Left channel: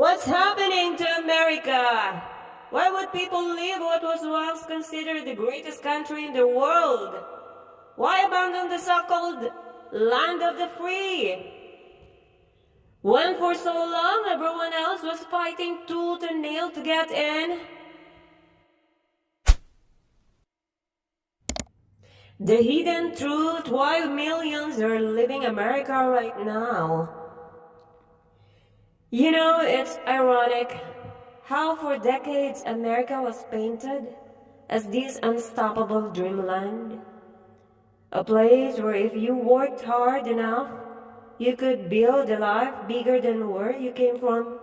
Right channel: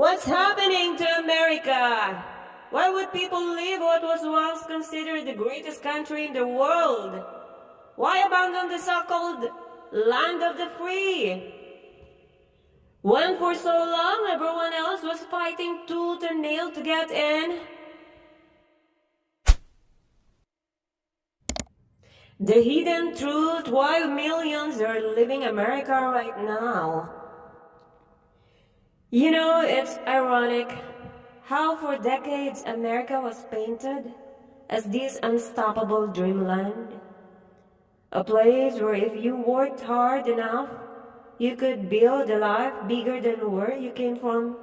What's happening to America? Why would people leave what was once considered the greatest country in the world? Why abandon the so-called land of the free? When for so long everyone else was fighting tooth and nail to get in? The hidden truth why millions are leaving America right now. You know, it's ironic how for decades America was painted as this unstoppable dreamland. A place where if you worked hard enough, you could build a life bigger than where you came from.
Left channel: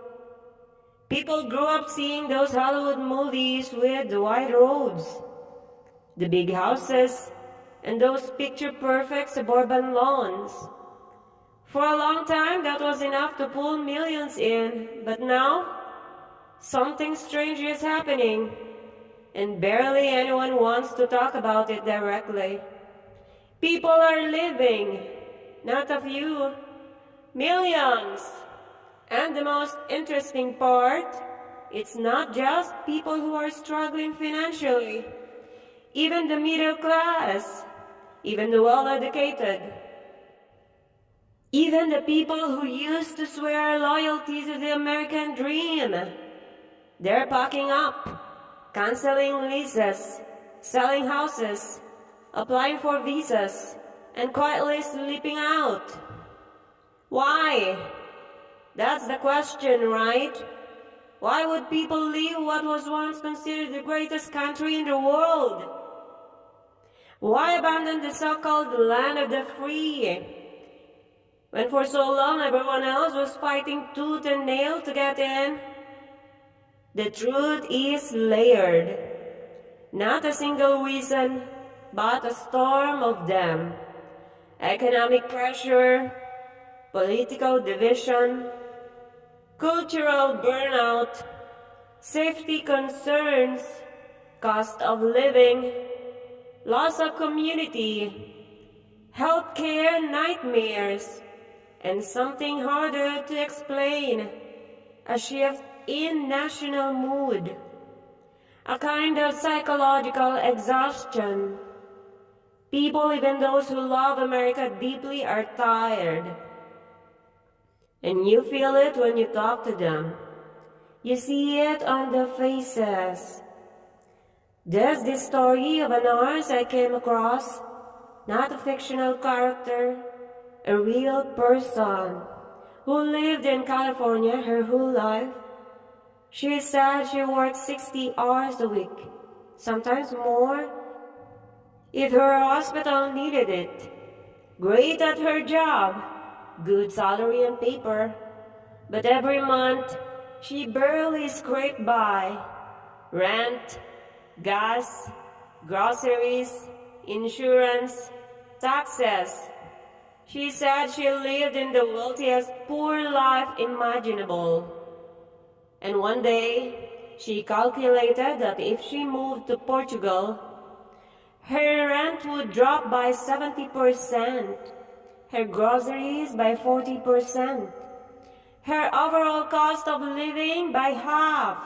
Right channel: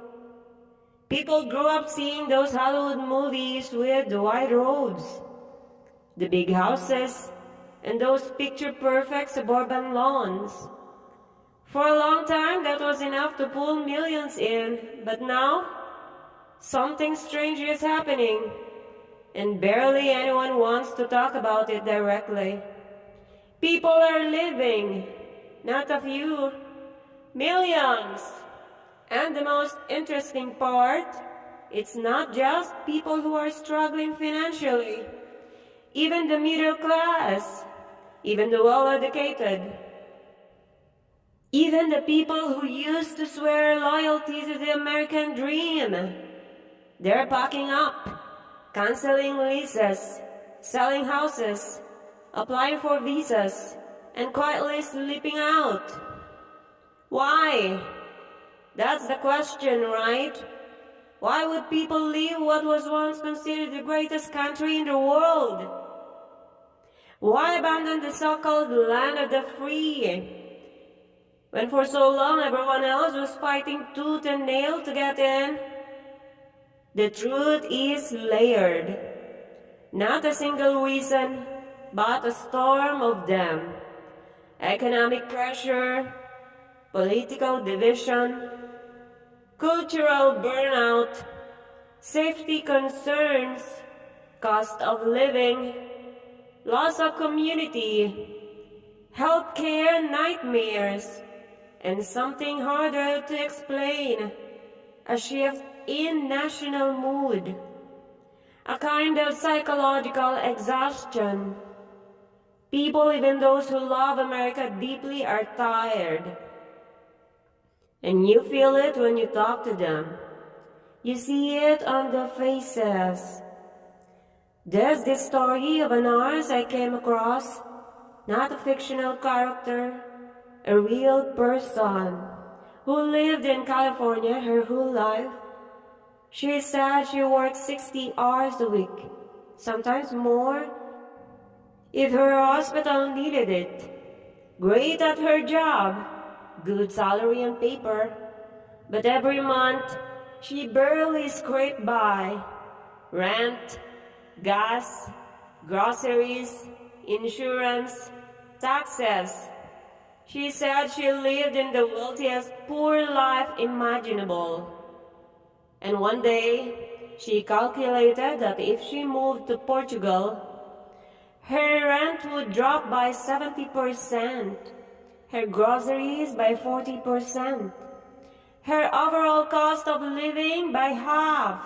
People grew up seeing those Hollywood movies with the wide roads, the big houses, and those picture-perfect suburban lawns. For a long time, that was enough to pull millions in, but now, something strange is happening, and barely anyone wants to talk about it directly. People are living, not a few, millions. And the most interesting part, it's not just people who are struggling financially. Even the middle class, even the well-educated, even the people who used to swear loyalty to the American dream, they're packing up, canceling leases, selling houses, applying for visas, and quietly sleeping out. Why? That's the question, right? Why would people leave what was once considered the greatest country in the world? Why abandon the so-called land of the free? When for so long everyone else was fighting tooth and nail to get in? The truth is layered. Not a single reason, but a storm of them. Economic pressure, political division, cultural burnout, safety concerns, cost of living, loss of community, healthcare nightmares, and something harder to explain, a shift in national mood, a kind of psychological exhaustion. People, even those who love America deeply, are tired. And you feel it when you talk to them. You see it on their faces. There's this story of a nurse I came across, not a fictional character, a real person who lived in California her whole life. She said she worked 60 hours a week, sometimes more, if her hospital needed it. Great at her job, good salary on paper, but every month she barely scraped by. Rent, gas, groceries, insurance, taxes. She said she lived in the wealthiest poor life imaginable. And one day, she calculated that if she moved to Portugal, her rent would drop by 70%, her groceries by 40%, her overall cost of living by half.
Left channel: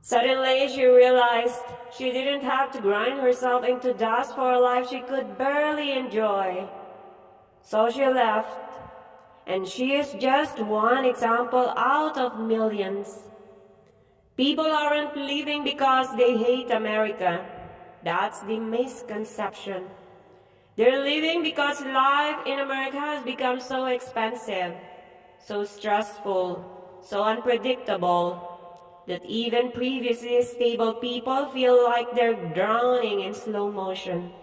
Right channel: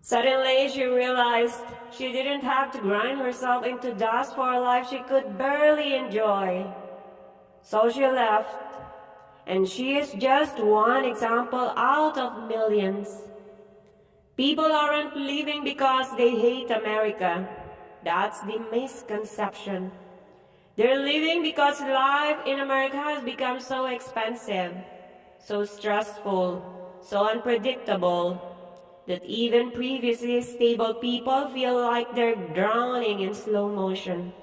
Suddenly, she realized she didn't have to grind herself into dust for a life she could barely enjoy. So she left, and she is just one example out of millions. People aren't leaving because they hate America. That's the misconception. They're leaving because life in America has become so expensive, so stressful, so unpredictable, that even previously stable people feel like they're drowning in slow motion.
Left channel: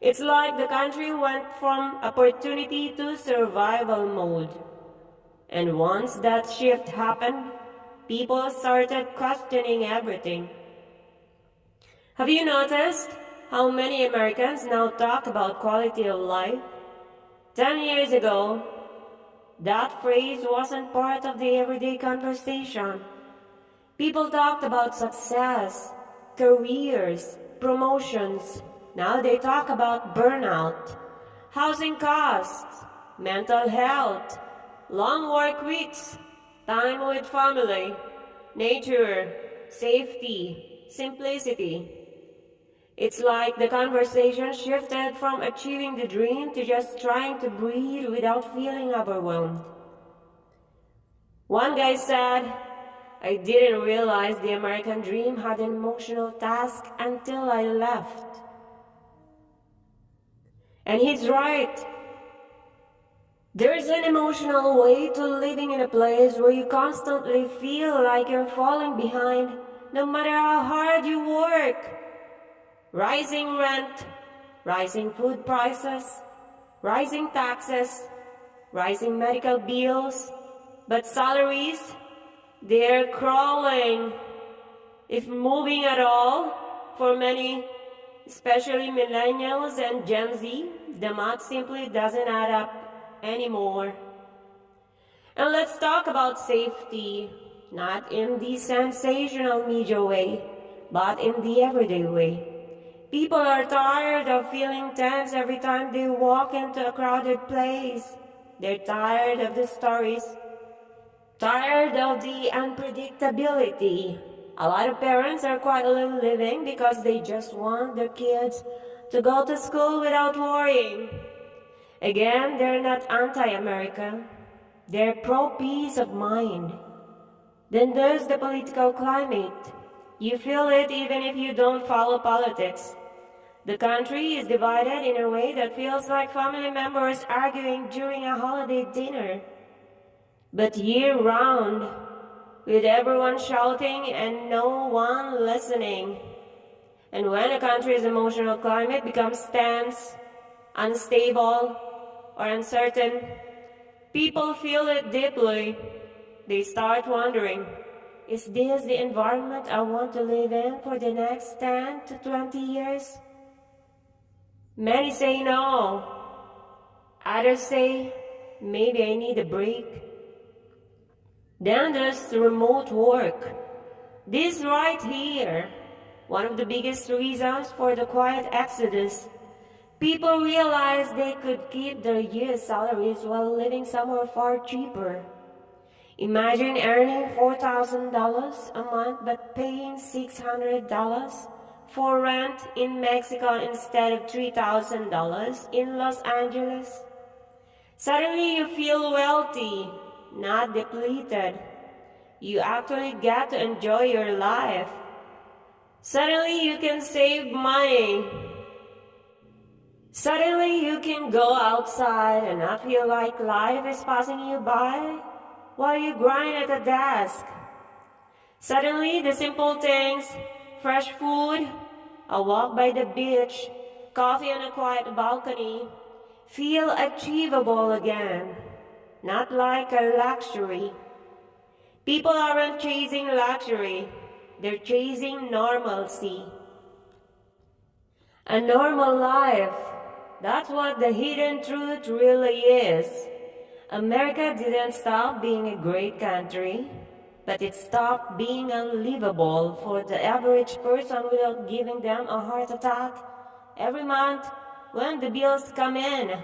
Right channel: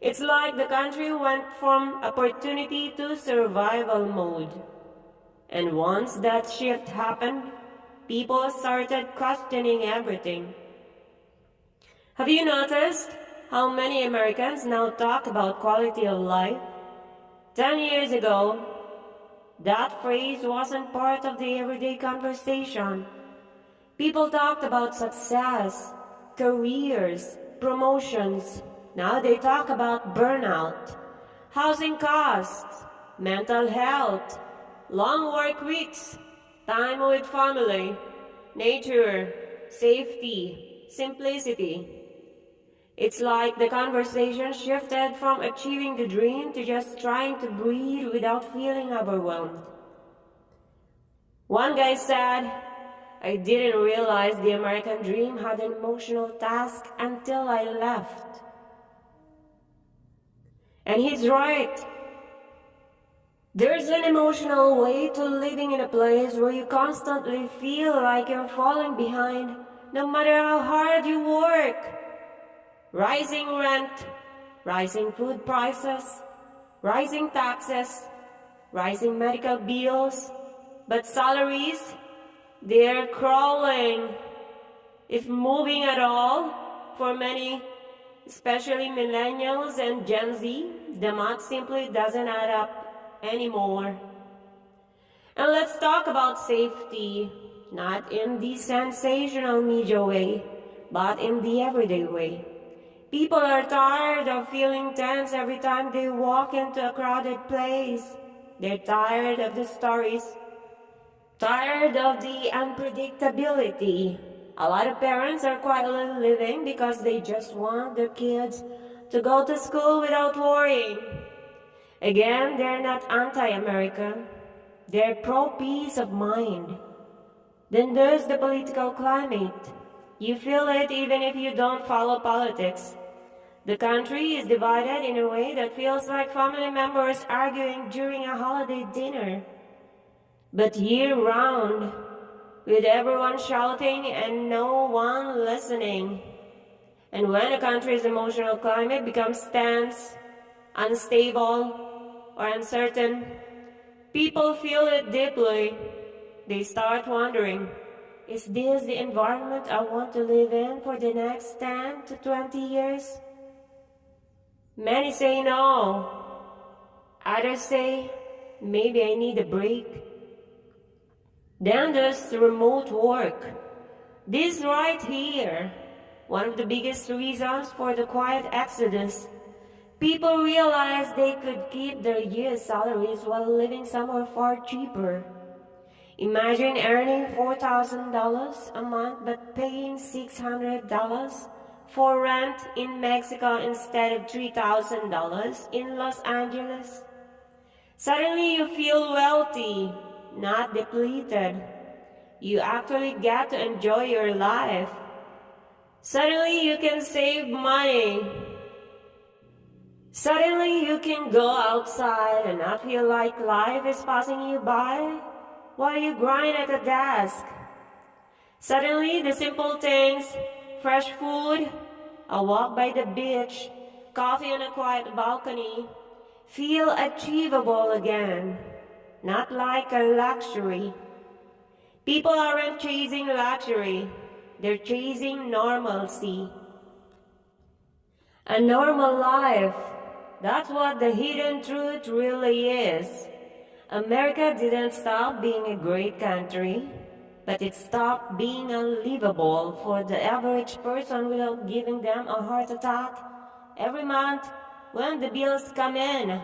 It's like the country went from opportunity to survival mode. And once that shift happened, people started questioning everything. Have you noticed how many Americans now talk about quality of life? 10 years ago, that phrase wasn't part of the everyday conversation. People talked about success, careers, promotions. Now they talk about burnout, housing costs, mental health, long work weeks, time with family, nature, safety, simplicity. It's like the conversation shifted from achieving the dream to just trying to breathe without feeling overwhelmed. One guy said, "I didn't realize the American dream had an emotional task until I left." And he's right. There's an emotional weight to living in a place where you constantly feel like you're falling behind, no matter how hard you work. Rising rent, rising food prices, rising taxes, rising medical bills, but salaries, they're crawling. If moving at all, for many, especially millennials and Gen Z, the math simply doesn't add up anymore. And let's talk about safety, not in the sensational media way, but in the everyday way. People are tired of feeling tense every time they walk into a crowded place. They're tired of the stories, tired of the unpredictability. A lot of parents are quietly living because they just want their kids to go to school without worrying. Again, they're not anti-America. They're pro-peace of mind. Then there's the political climate. You feel it even if you don't follow politics. The country is divided in a way that feels like family members arguing during a holiday dinner. But year-round, with everyone shouting and no one listening. And when a country's emotional climate becomes tense, unstable, or uncertain, people feel it deeply. They start wondering, is this the environment I want to live in for the next 10 to 20 years? Many say no. Others say, maybe I need a break. Then there's remote work. This right here, one of the biggest reasons for the quiet exodus. People realize they could keep their year's salaries while living somewhere far cheaper. Imagine earning $4,000 a month but paying $600 for rent in Mexico instead of $3,000 in Los Angeles. Suddenly you feel wealthy, not depleted. You actually get to enjoy your life. Suddenly you can save money. Suddenly you can go outside and not feel like life is passing you by while you grind at a desk. Suddenly the simple things, fresh food, a walk by the beach, coffee on a quiet balcony, feel achievable again, not like a luxury. People aren't chasing luxury, they're chasing normalcy. A normal life, that's what the hidden truth really is. America didn't stop being a great country, but it stopped being unlivable for the average person without giving them a heart attack every month when the bills come in.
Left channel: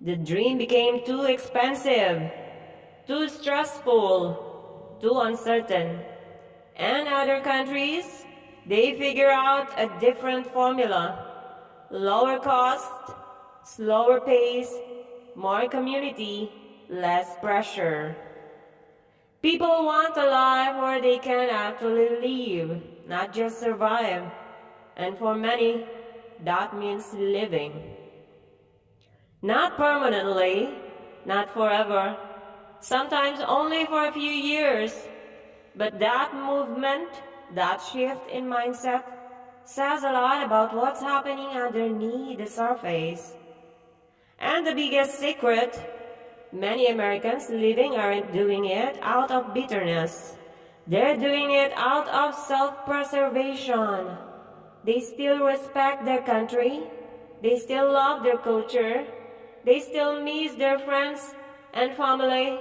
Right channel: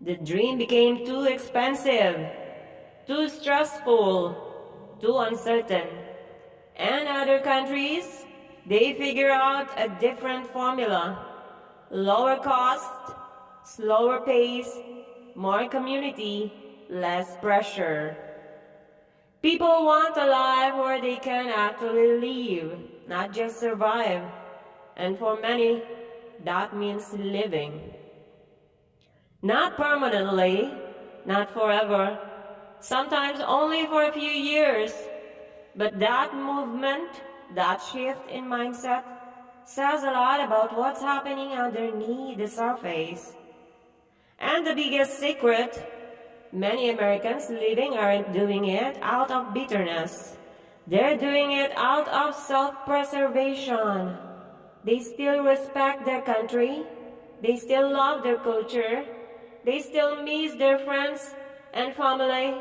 The dream became too expensive, too stressful, too uncertain. And other countries, they figure out a different formula. Lower cost, slower pace, more community, less pressure. People want a life where they can actually live, not just survive. And for many, that means living. Not permanently, not forever, sometimes only for a few years. But that movement, that shift in mindset, says a lot about what's happening underneath the surface. And the biggest secret, many Americans living aren't doing it out of bitterness. They're doing it out of self-preservation. They still respect their country. They still love their culture. They still miss their friends and family.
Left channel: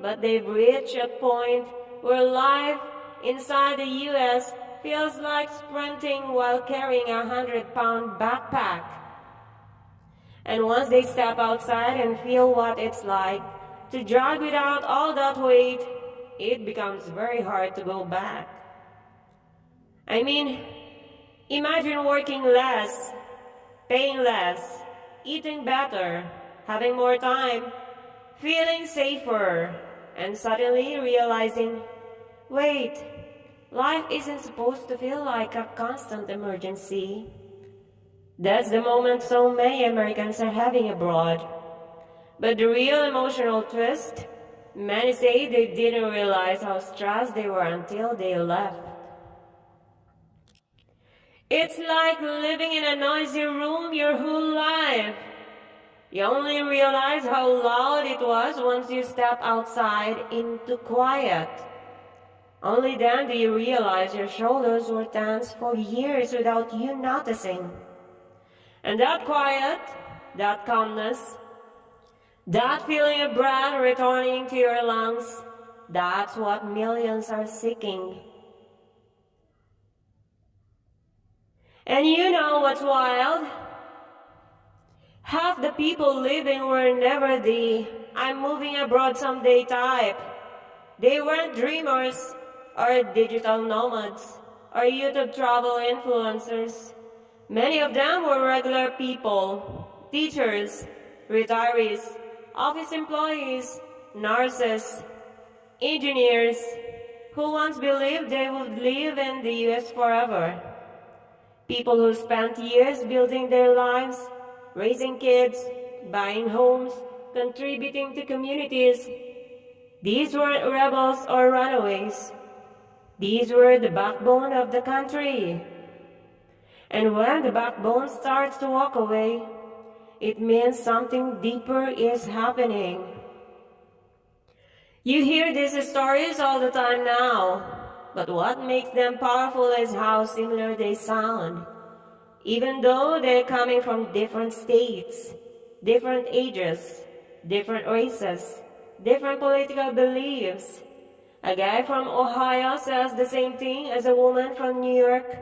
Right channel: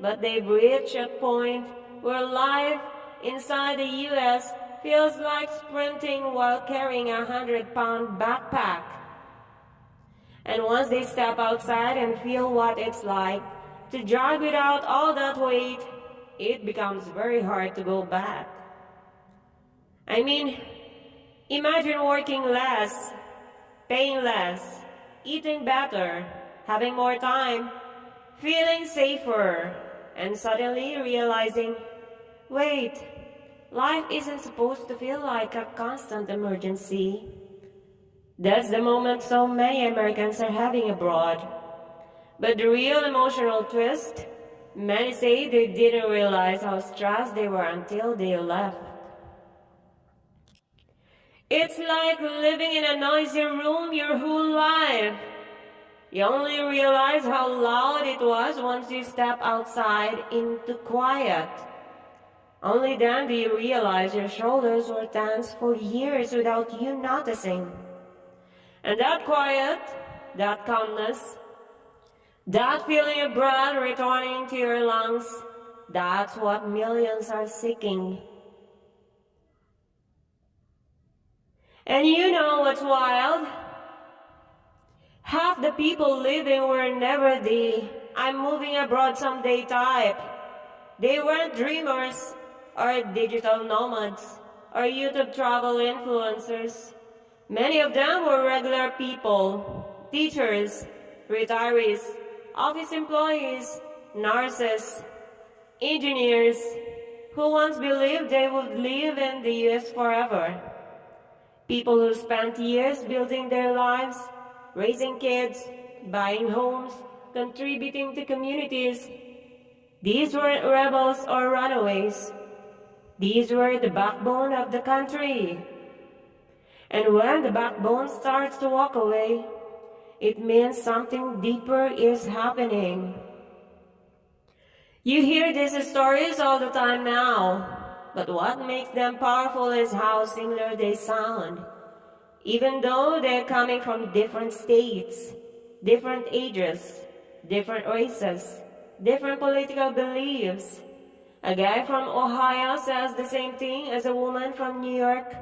But they've reached a point where life inside the U.S. feels like sprinting while carrying a 100-pound backpack. And once they step outside and feel what it's like to jog without all that weight, it becomes very hard to go back. I mean, imagine working less, paying less, eating better, having more time, feeling safer, and suddenly realizing, wait, life isn't supposed to feel like a constant emergency. That's the moment so many Americans are having abroad. But the real emotional twist, many say they didn't realize how stressed they were until they left. It's like living in a noisy room your whole life. You only realize how loud it was once you step outside into quiet. Only then do you realize your shoulders were tense for years without you noticing. And that quiet, that calmness, that feeling of breath returning to your lungs, that's what millions are seeking. And you know what's wild? Half the people living were never the "I'm moving abroad someday" type. They weren't dreamers or digital nomads or YouTube travel influencers. Many of them were regular people, teachers, retirees, office employees, nurses, engineers, who once believed they would live in the US forever. People who spent years building their lives, raising kids, buying homes, contributing to communities. These weren't rebels or runaways. These were the backbone of the country. And when the backbone starts to walk away, it means something deeper is happening. You hear these stories all the time now, but what makes them powerful is how similar they sound. Even though they're coming from different states, different ages, different races, different political beliefs. A guy from Ohio says the same thing as a woman from New York.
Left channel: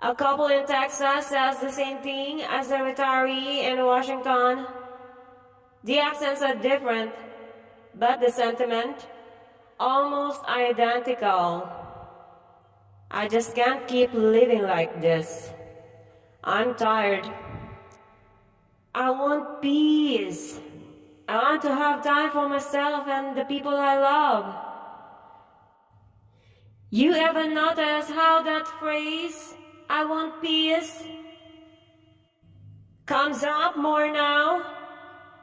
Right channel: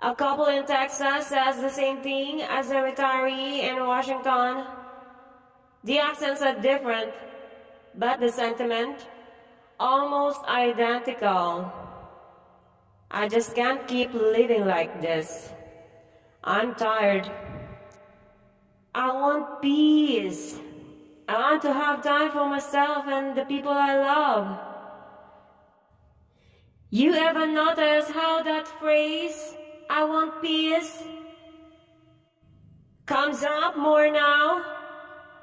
A couple in Texas says the same thing as a retiree in Washington. The accents are different, but the sentiment almost identical. I just can't keep living like this. I'm tired. I want peace. I want to have time for myself and the people I love. You ever notice how that phrase, "I want peace," comes up more now?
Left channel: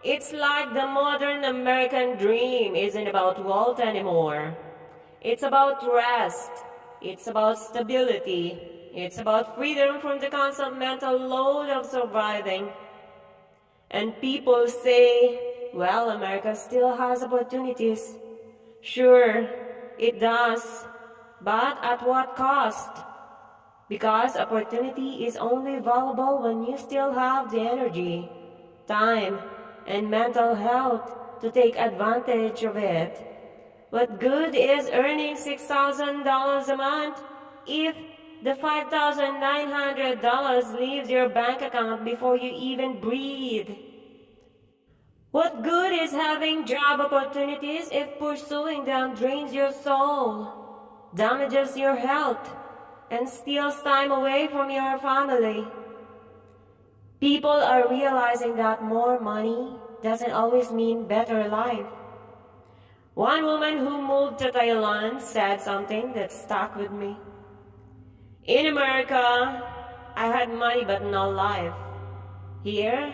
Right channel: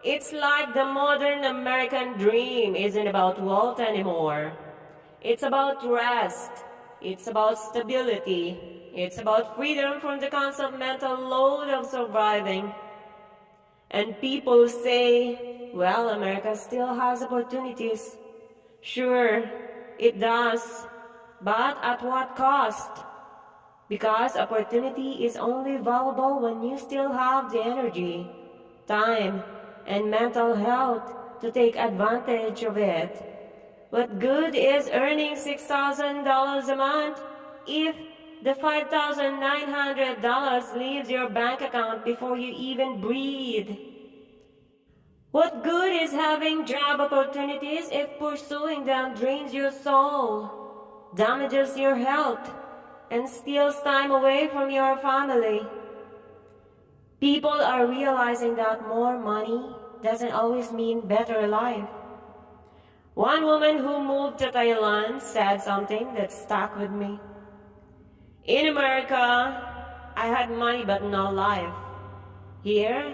It's like the modern American dream isn't about wealth anymore. It's about rest. It's about stability. It's about freedom from the constant mental load of surviving. And people say, well, America still has opportunities. Sure, it does. But at what cost? Because opportunity is only valuable when you still have the energy, time, and mental health to take advantage of it. What good is earning $6,000 a month if the $5,900 leaves your bank account before you even breathe? What good is having job opportunities if pursuing them drains your soul, damages your health, and steals time away from your family? People are realizing that more money doesn't always mean better life. One woman who moved to Thailand said something that stuck with me. In America, I had money but no life. Here,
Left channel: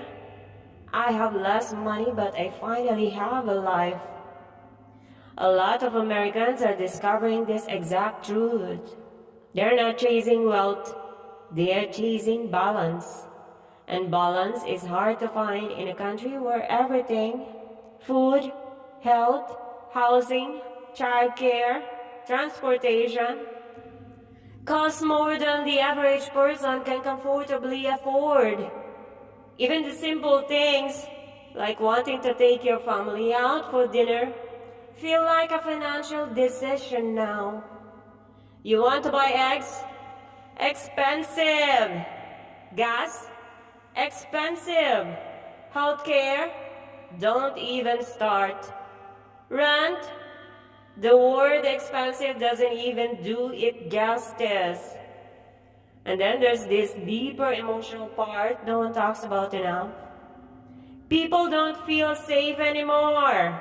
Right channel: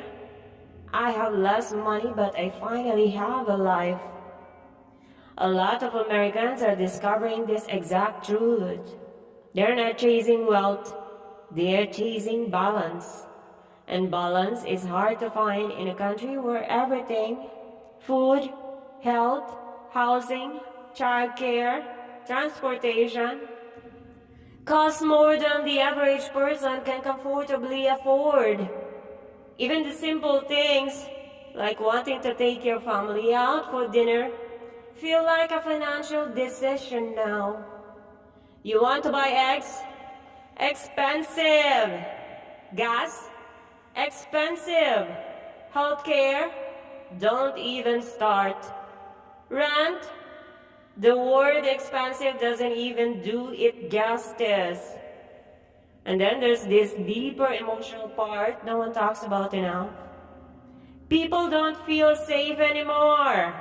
I have less money but I finally have a life. A lot of Americans are discovering this exact truth. They're not chasing wealth, they're chasing balance. And balance is hard to find in a country where everything, food, health, housing, childcare, transportation, costs more than the average person can comfortably afford. Even the simple things, like wanting to take your family out for dinner, feel like a financial decision now. You want to buy eggs? Expensive. Gas? Expensive. Healthcare? Don't even start. Rent? The word expensive doesn't even do it justice. And then there's this deeper emotional part no one talks about enough. People don't feel safe anymore.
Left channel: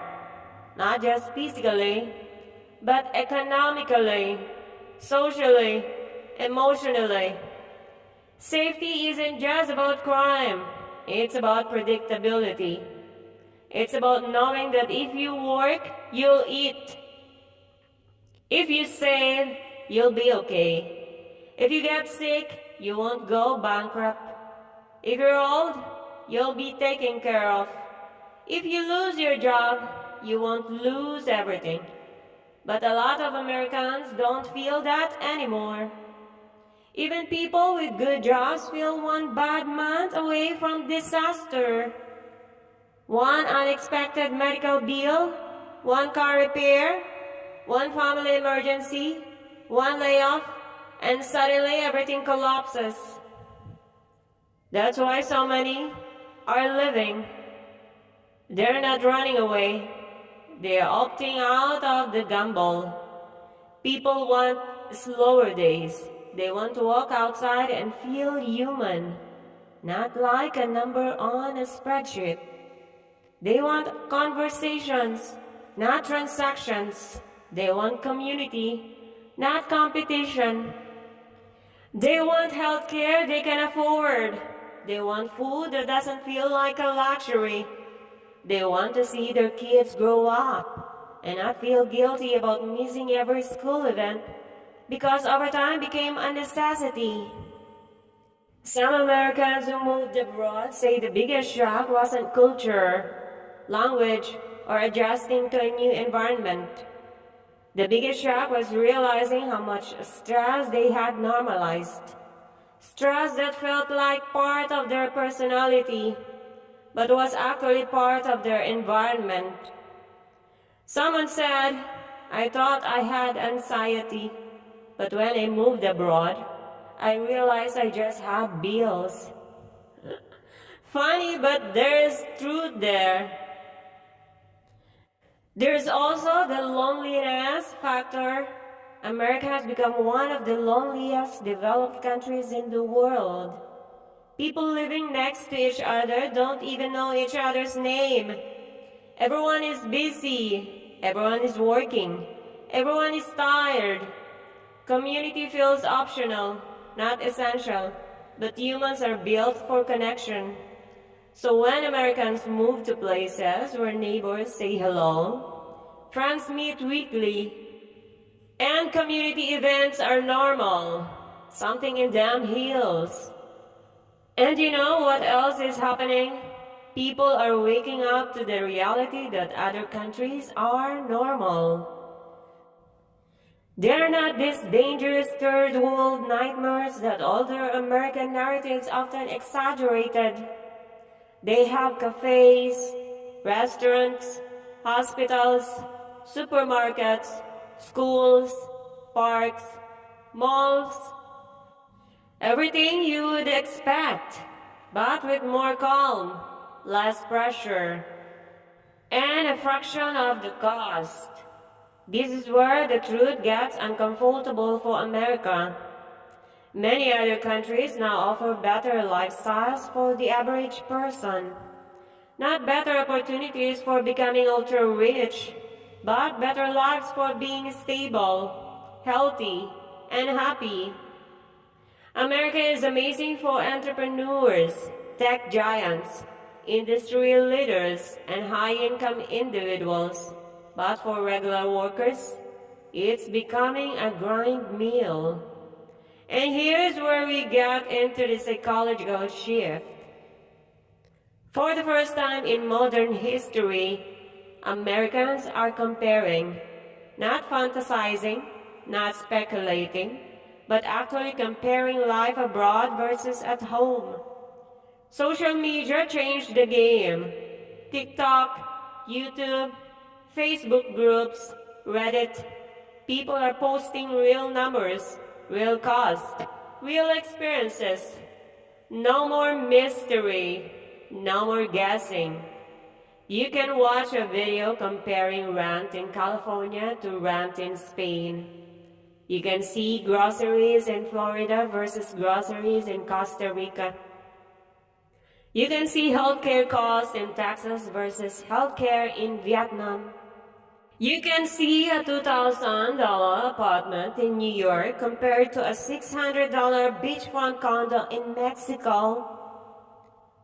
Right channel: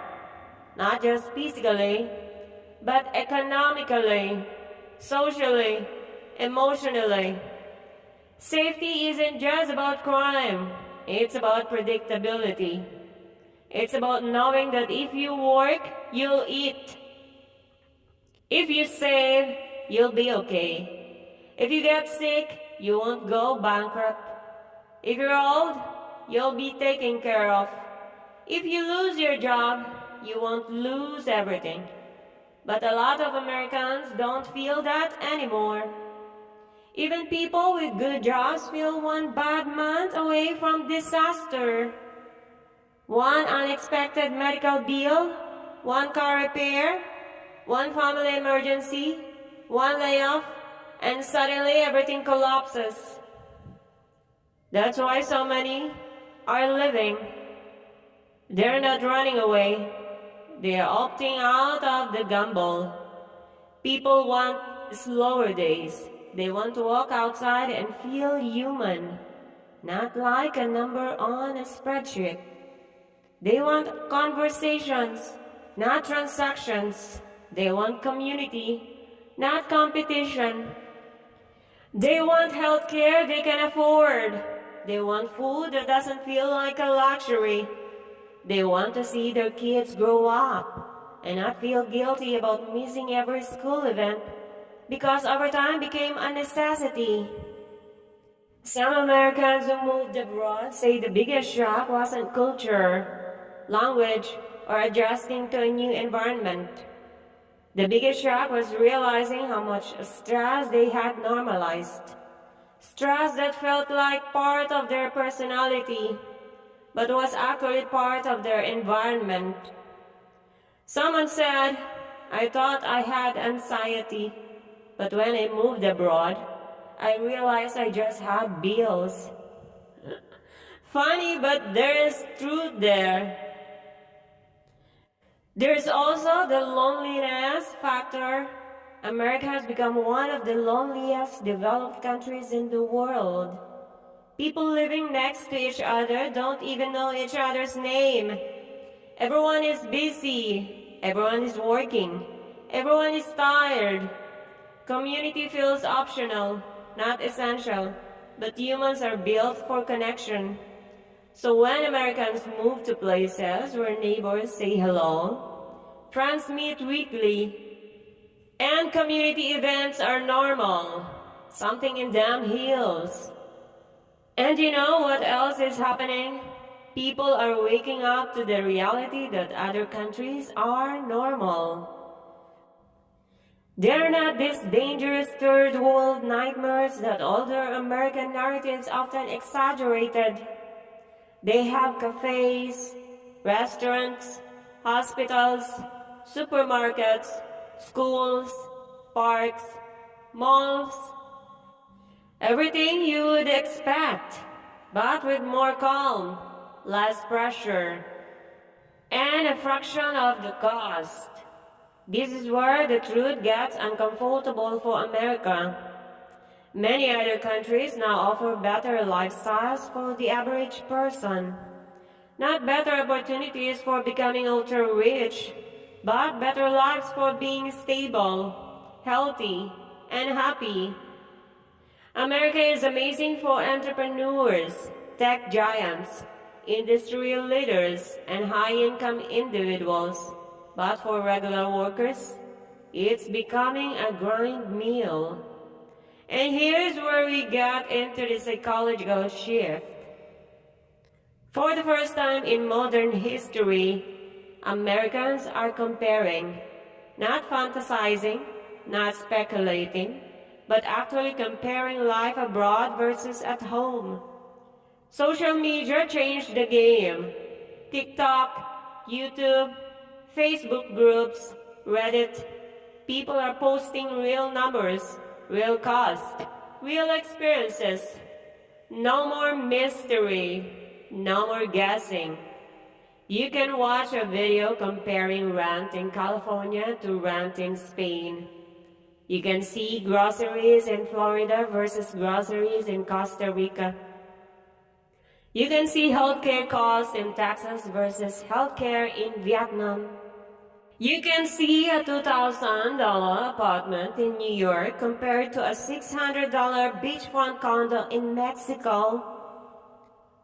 Not just physically, but economically, socially, emotionally. Safety isn't just about crime. It's about predictability. It's about knowing that if you work, you'll eat. If you save, you'll be okay. If you get sick, you won't go bankrupt. If you're old, you'll be taken care of. If you lose your job, you won't lose everything. But a lot of Americans don't feel that anymore. Even people with good jobs feel one bad month away from disaster. One unexpected medical bill, one car repair, one family emergency, one layoff, and suddenly everything collapses. That's why so many are living. They're not running away. They're opting out of the gamble. People want slower days. They want to walk outside and feel human, not like a number on a spreadsheet. They want conversations, not transactions. They want community, not competition. They want healthcare they can afford. They want food that doesn't feel like a luxury. They want to see their kids grow up and not feel guilty about missing every school event because overtime became a necessity. Some Americans who moved abroad say the biggest shock wasn't culture, language, or adjusting to a new environment. The biggest shock was realizing how much stress they had normalized. Stress that felt like part of their personality, but was actually part of their environment. Someone said, I thought I had anxiety, but when I moved abroad, I realized I just had bills. Funny, but there is truth there. There's also the loneliness factor. America has become one of the loneliest developed countries in the world. People living next to each other don't even know each other's name. Everyone is busy. Everyone is working. Everyone is tired. Community feels optional, not essential, but humans are built for connection. So when Americans move to places where neighbors say hello, friends meet weekly, and community events are normal, something in them heals. And you know what else is happening? People are waking up to the reality that other countries are normal. They're not these dangerous third world nightmares that older American narratives often exaggerated. They have cafes, restaurants, hospitals, supermarkets, schools, parks, malls, everything you would expect, but with more calm, less pressure, and a fraction of the cost. This is where the truth gets uncomfortable for America. Many other countries now offer better lifestyles for the average person. Not better opportunities for becoming ultra-rich, but better lives for being stable, healthy, and happy. America is amazing for entrepreneurs, tech giants, industry leaders, and high-income individuals. But for regular workers, it's becoming a grind meal. And here's where we get into the psychological shift. For the first time in modern history, Americans are comparing, not fantasizing, not speculating, but actually comparing life abroad versus at home. Social media changed the game. TikTok, YouTube, Facebook groups, Reddit, people are posting real numbers, real cost, real experiences. No more mystery, no more guessing. You can watch a video comparing rent in California to rent in Spain. You can see groceries in Florida versus groceries in Costa Rica. You can see healthcare costs in Texas versus healthcare in Vietnam. You can see a $2,000 apartment in New York compared to a $600 beachfront condo in Mexico.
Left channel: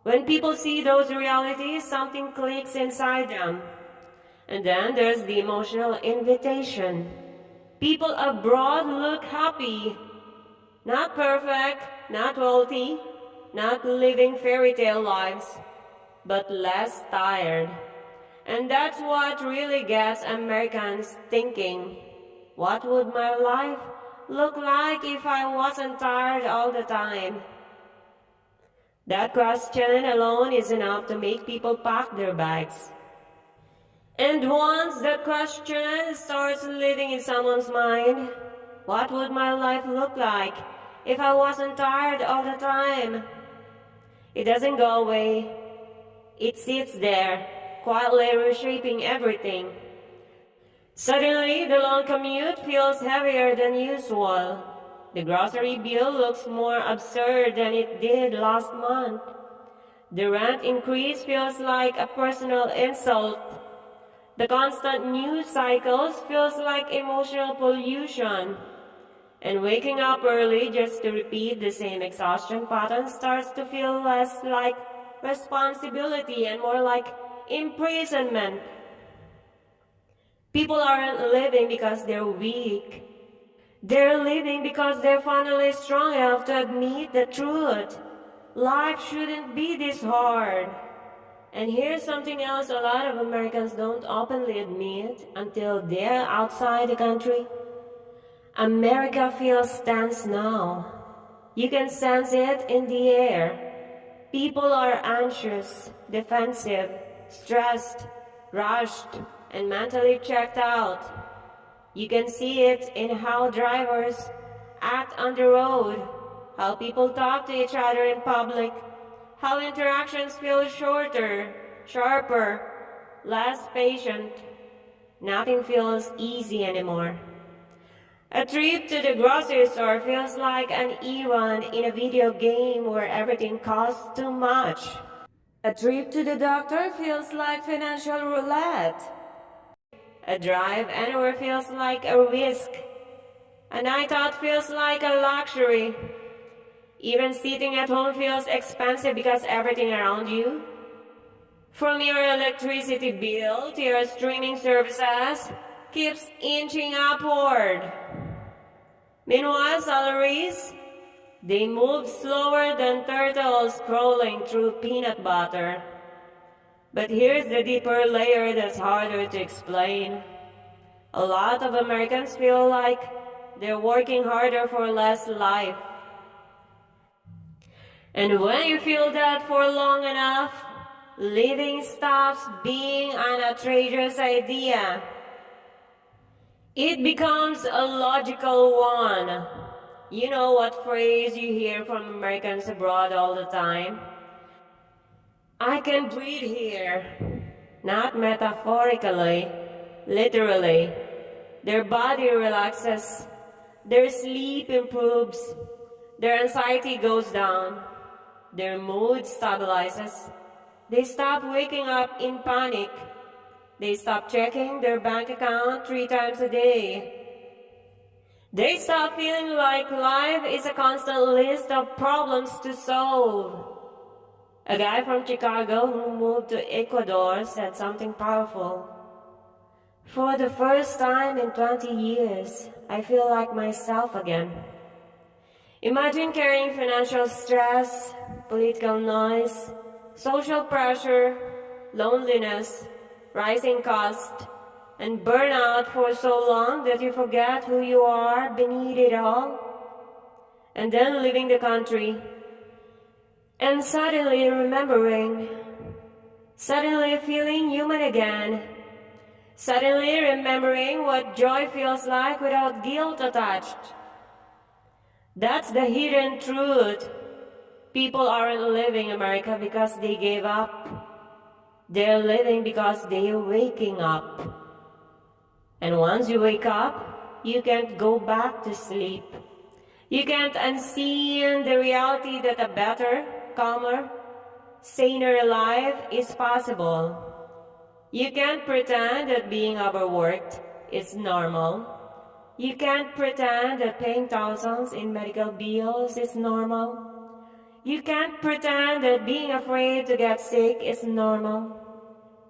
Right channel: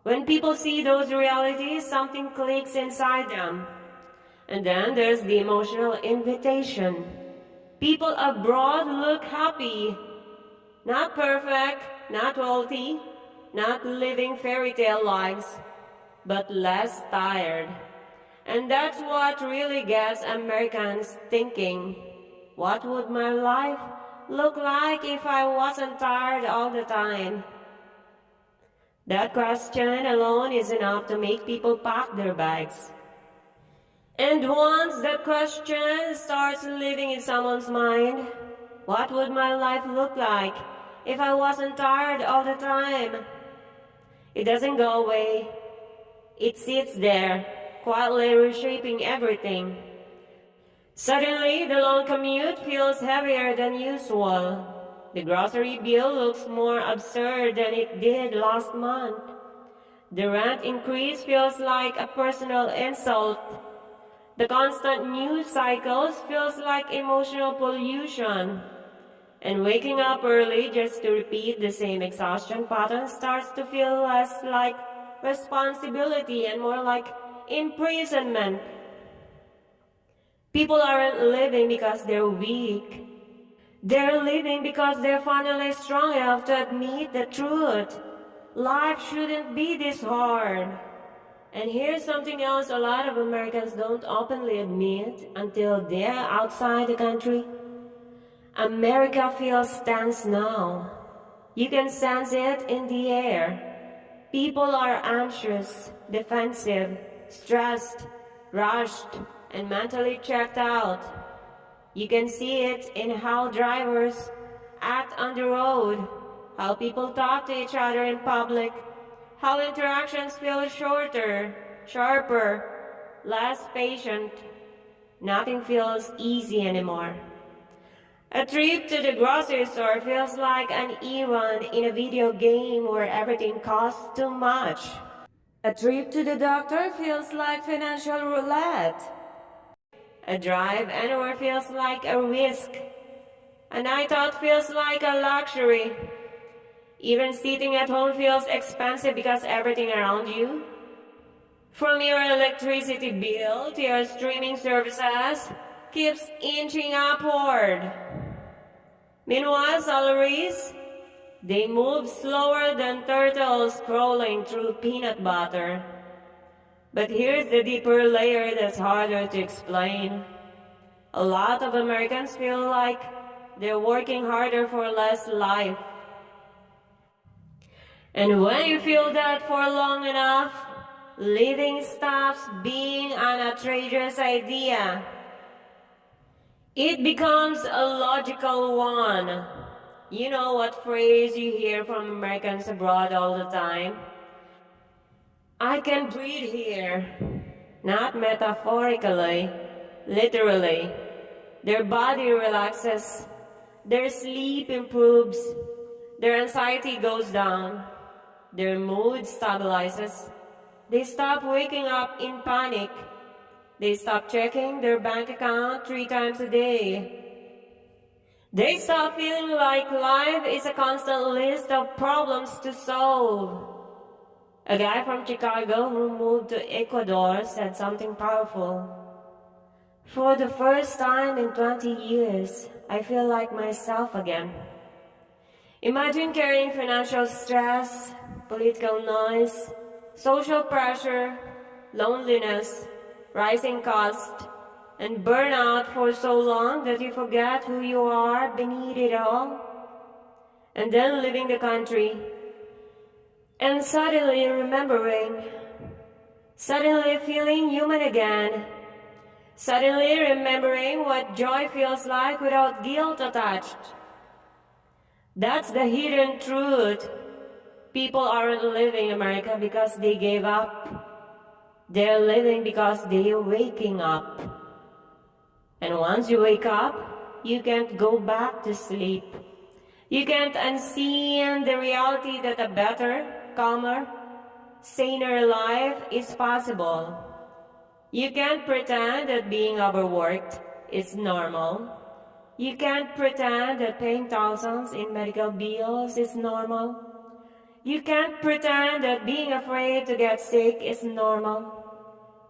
When people see those realities, something clicks inside them. And then there's the emotional invitation. People abroad look happy. Not perfect, not wealthy, not living fairy tale lives, but less tired. And that's what really gets Americans thinking. What would my life look like if I wasn't tired all the time? That question alone is enough to make people pack their bags. And once that question starts living in someone's mind, what would my life look like if I wasn't tired all the time? It doesn't go away. It sits there, quietly reshaping everything. Suddenly, the long commute feels heavier than usual. The grocery bill looks more absurd than it did last month. The rent increase feels like a personal insult. The constant news cycles feels like emotional pollution. And waking up early just to repeat the same exhaustion pattern starts to feel less like responsibility and more like imprisonment. People aren't living because they're weak. They're living because they're finally strong enough to admit the truth. Life shouldn't be this hard. And here's something else a lot of Americans don't openly admit until they're outside the country. America feels tense now. You can sense it in the air. People are anxious, defensive, stressed, rushed, and mentally checked out. You can see it in how drivers act on the road, how people talk to each other in public, how interactions feel shorter, sharper, less patient. Nothing feels easy anymore. A trip to the grocery store feels like an e-run in a video game where everything costs too much. A trip to the doctor feels like financial roulette. A drive anywhere feels like a risk. A night out feels like a luxury. Even sitting at home feels expensive because everything around you, from your electricity bill to your streaming services, keeps inching upward. Meanwhile, salaries, they move slower than turtles crawling through peanut butter. But here's the deeper layer that's harder to explain. A lot of Americans feel like they're working harder for less life. And when you feel that for long enough, living stops being an outrageous idea. It becomes a logical one. You know what phrase you hear from Americans abroad all the time? I can breathe here. Not metaphorically, literally. Their body relaxes, their sleep improves, their anxiety goes down, their mood stabilizes. They stop waking up in panic. They stop checking their bank account 3 times a day. They stop feeling like life is a constant list of problems to solve. A guy from Chicago who moved to Ecuador said something powerful. For the first time in 20 years, I feel like myself again. Imagine carrying financial stress, political noise, social pressure, loneliness, rising cost, and burnout for so long that you forget who you are beneath it all. And then leaving the country, and suddenly remembering, suddenly feeling human again, suddenly remembering what joy feels like without guilt attached. That's the hidden truth. People aren't living America because they gave up. They're living because they're waking up. And once you wake up, you can't go back to sleep. You can't unseen the reality that a better, calmer, saner life is possible. You can't pretend that being overworked is normal. You can't pretend that paying thousands in medical bills is normal. You can't pretend that being afraid to get sick is normal.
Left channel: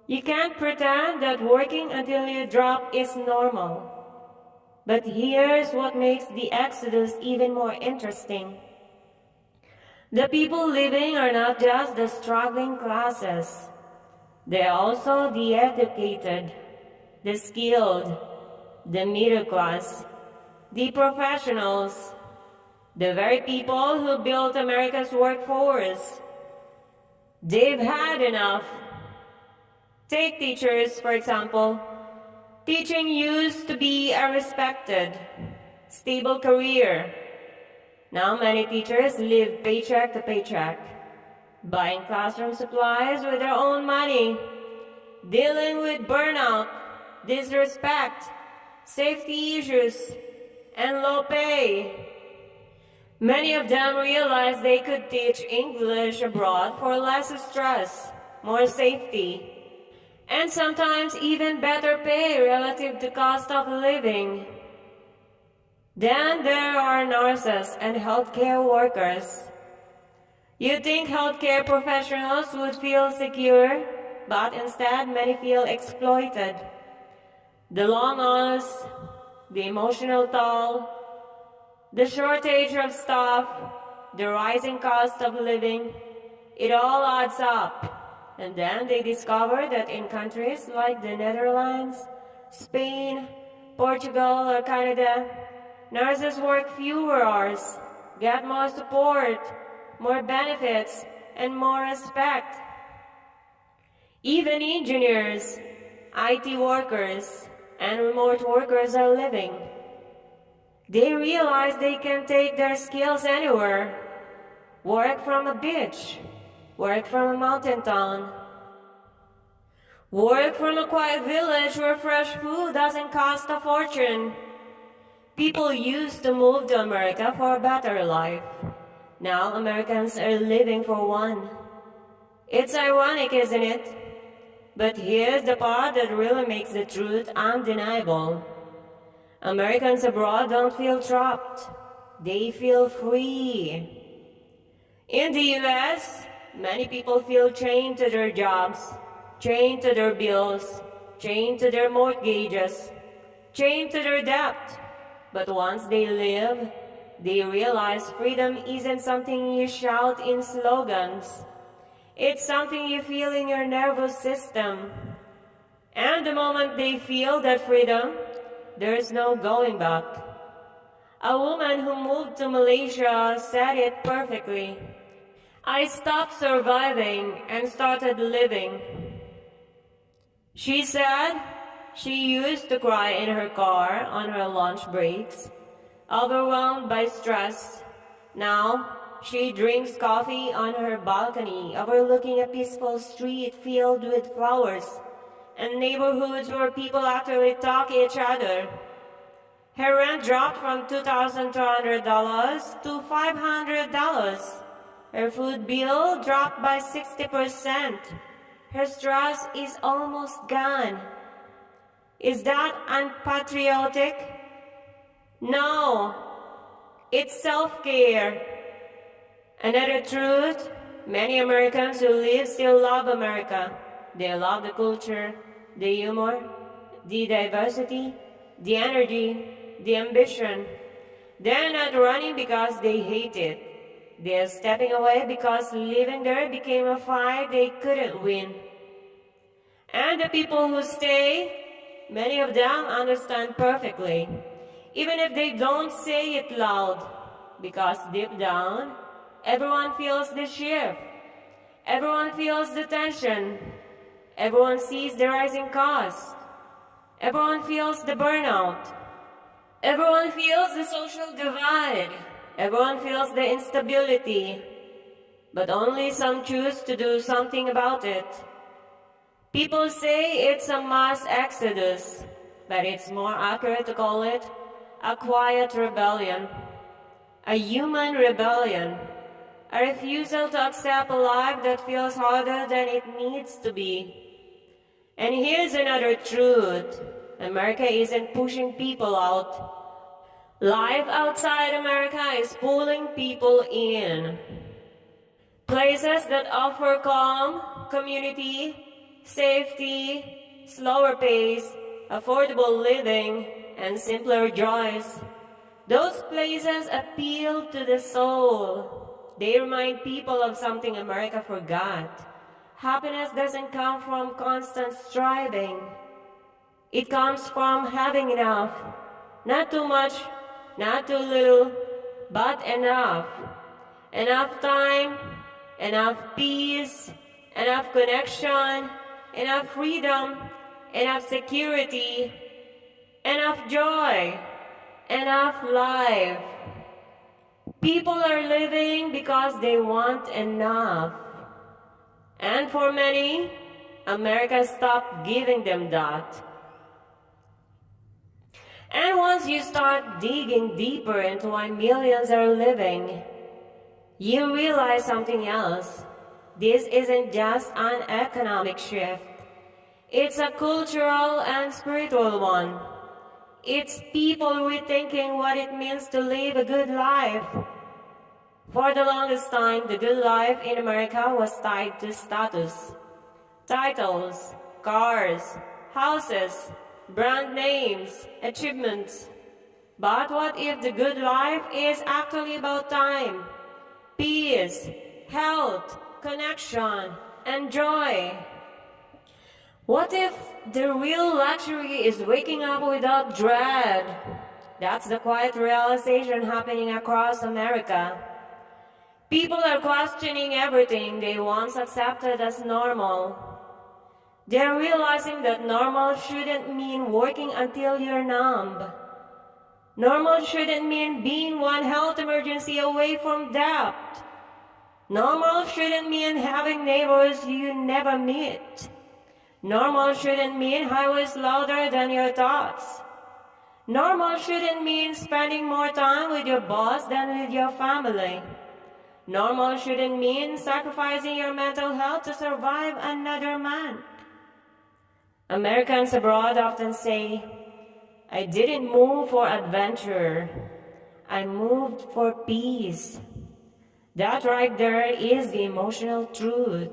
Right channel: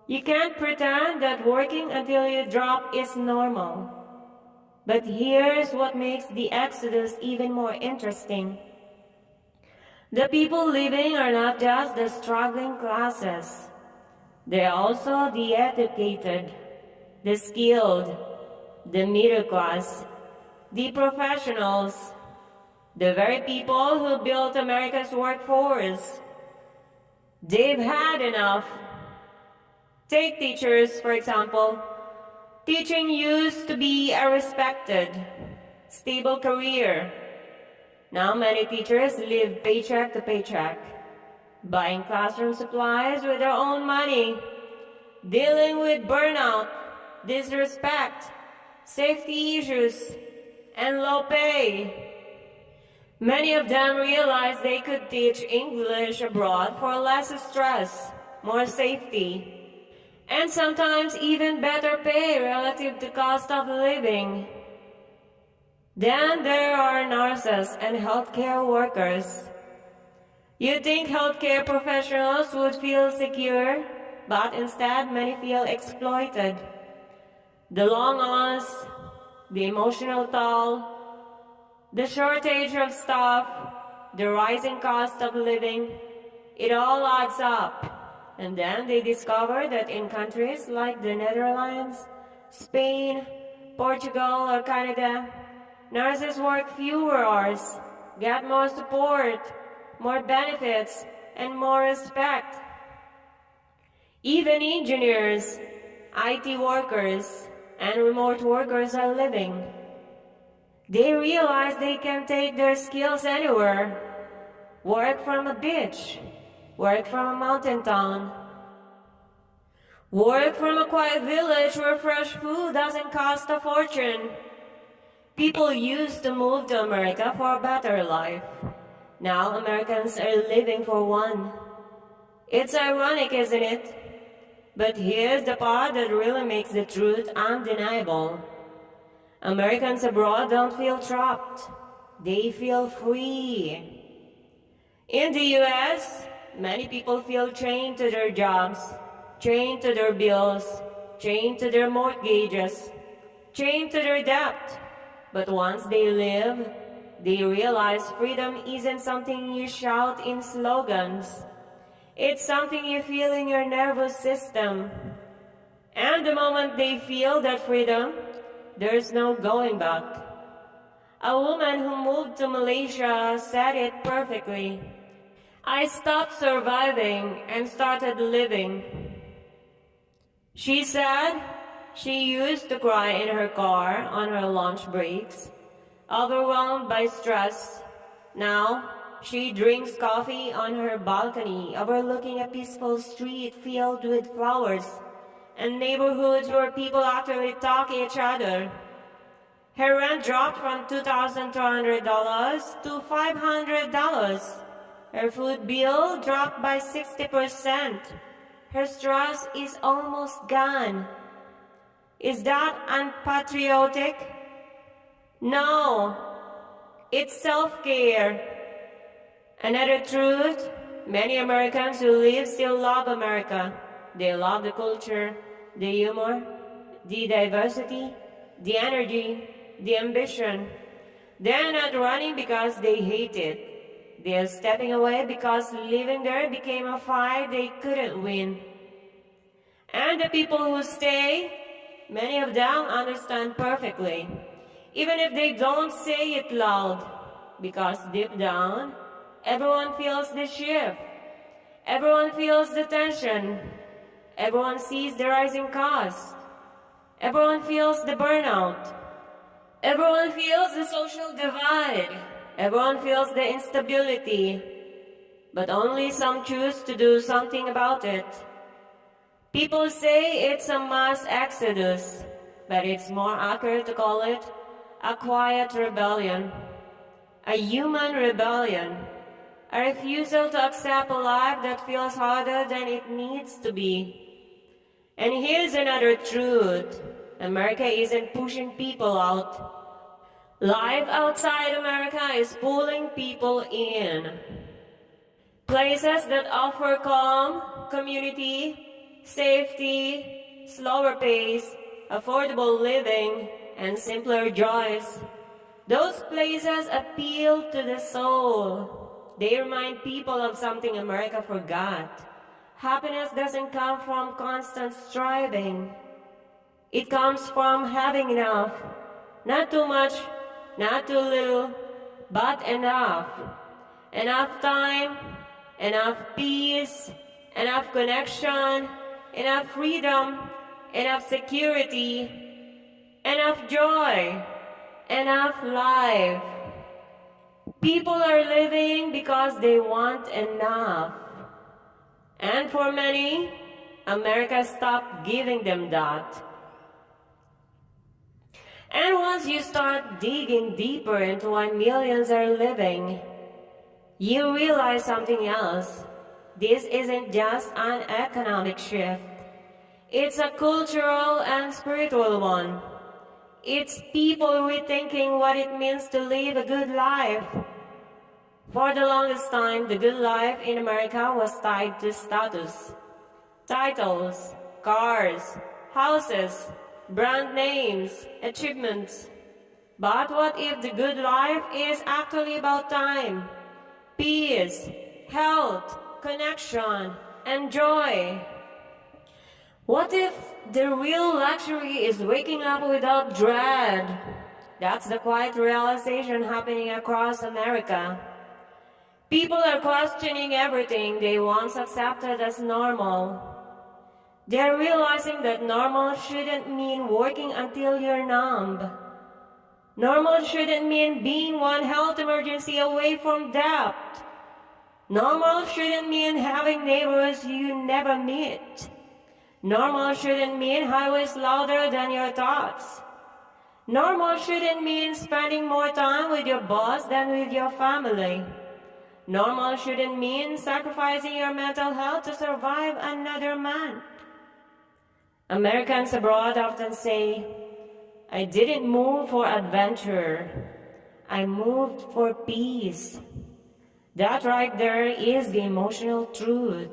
You can't pretend that working until you drop is normal. But here's what makes the exodus even more interesting. The people living are not just the struggling classes. They're also the educated, the skilled, the middle class, the professionals, the very people who built America's workforce. They've had enough. Take teachers, for example. Teaching used to be a respected, stable career. Now many teachers live paycheck to paycheck, buying classroom supplies with their own money, dealing with burnout, disrespect, safety issues, and low pay. Many of them realized they could teach English abroad for less stress, more safety, and sometimes even better pay relative to cost of living. Then there are nurses and healthcare workers. You'd think healthcare professionals would feel secure, but instead many feel exploited. The long hours, the emotional toll, the shortage of staff, the rising cost of living, it all adds up. And then they discover that in countries like the Netherlands, Spain, Portugal, or Canada, nurses work fewer hours, get more support, more benefits, and more respect. Even engineers, IT workers, and remote workers are living. They realize they can take their skills anywhere. Work from a beach, work from a mountain town, work from a quiet village where fresh food doesn't cost a fortune. People used to move to America for a better life. Now Americans are living for one. It's ironic, isn't it? But here's the part that really makes the truth undeniable. Americans abroad don't feel trapped. They feel free. In the US, many people feel chained to their jobs, chained to their bills, chained to their mortgages, chained to their debt. But once they live, they realize freedom isn't something you shout in slogans. It's something you feel in your nervous system. And the moment they feel that freedom, there's no going back. A woman who moved to Malaysia said it perfectly. I stopped surviving and started living. She said she used to cry in her car on her lunch breaks, overwhelmed by stress. Now, she drinks coffee on her balcony, overlooking a peaceful street filled with flowers and neighborhoods where people actually talk to each other. Her rent dropped from $2,200 to $500. Her food bill dropped by 60%. Her stress is almost gone. Is that unpatriotic? No, it's self-care. Another truth, many Americans who live still love America. They love the culture, the humor, the diversity, the energy, the ambition. They're not running because they hate it. They're stepping away because living there became a fight they couldn't win. And the people who stay, many of them understand perfectly, even if they don't say it loud, because deep down, everyone feels the shift. Everyone feels the tension. Everyone sees the rising cost. Everyone feels the burnout. Everyone feels the social divide. Everyone feels the instability. But only some choose to do something about it. People say it's a mass exodus, but it's more accurate to call it a quiet rebellion, a human rebellion, a refusal to accept a life that feels harder than it needs to be. And here's another truth. America isn't pushing people out. Life outside America is pulling people in. Places that offer calm, community, safety, slower pace, affordable living, and simpler joys. Those places appeal to the soul. They remind people of something America forgot. Happiness doesn't come from constant striving. It comes from having enough. Not too much, not too little, but enough. Enough time, enough peace, enough connection, enough freedom, enough security, enough joy, enough life. People are living because they want enough. And for many, America stopped giving them that. And once you start digging deeper into why millions are living, you realize something else. This isn't just an economic shift. It's a cultural and spiritual one. It's people rethinking what it means to live a good life. For the longest time, the good life in America was tied to status. Titles, cars, houses, brand names, achievements. But what if the good life is actually about time, peace, health, connection, and joy? What if the real luxury is waking up without dread? That's the quiet realization happening across America. People are questioning everything they once accepted as normal. They're realizing that normal shouldn't mean working until you're numb. Normal shouldn't mean being one health emergency away from debt. Normal shouldn't mean having neighbors you never meet. Normal shouldn't mean highways louder than your thoughts. Normal shouldn't mean spending more time with your boss than with your family. Normal shouldn't mean sacrificing your mental health to survive another month. Americans abroad often say, I didn't move for adventure. I moved for peace. That right there is the emotional truth.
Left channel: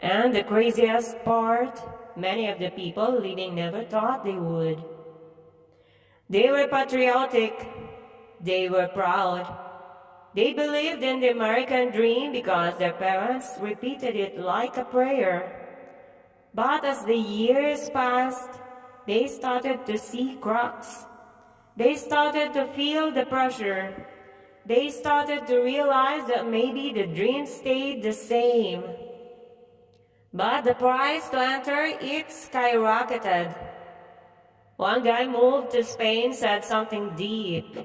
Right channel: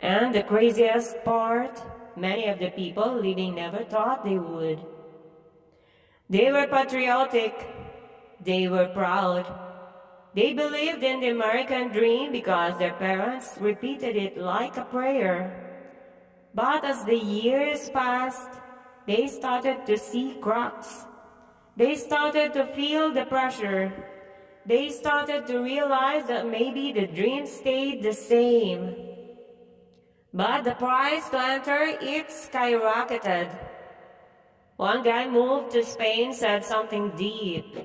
And the craziest part, many of the people living never thought they would. They were patriotic. They were proud. They believed in the American dream because their parents repeated it like a prayer. But as the years passed, they started to see cracks. They started to feel the pressure. They started to realize that maybe the dream stayed the same. But the price to enter, it skyrocketed. One guy moved to Spain said something deep.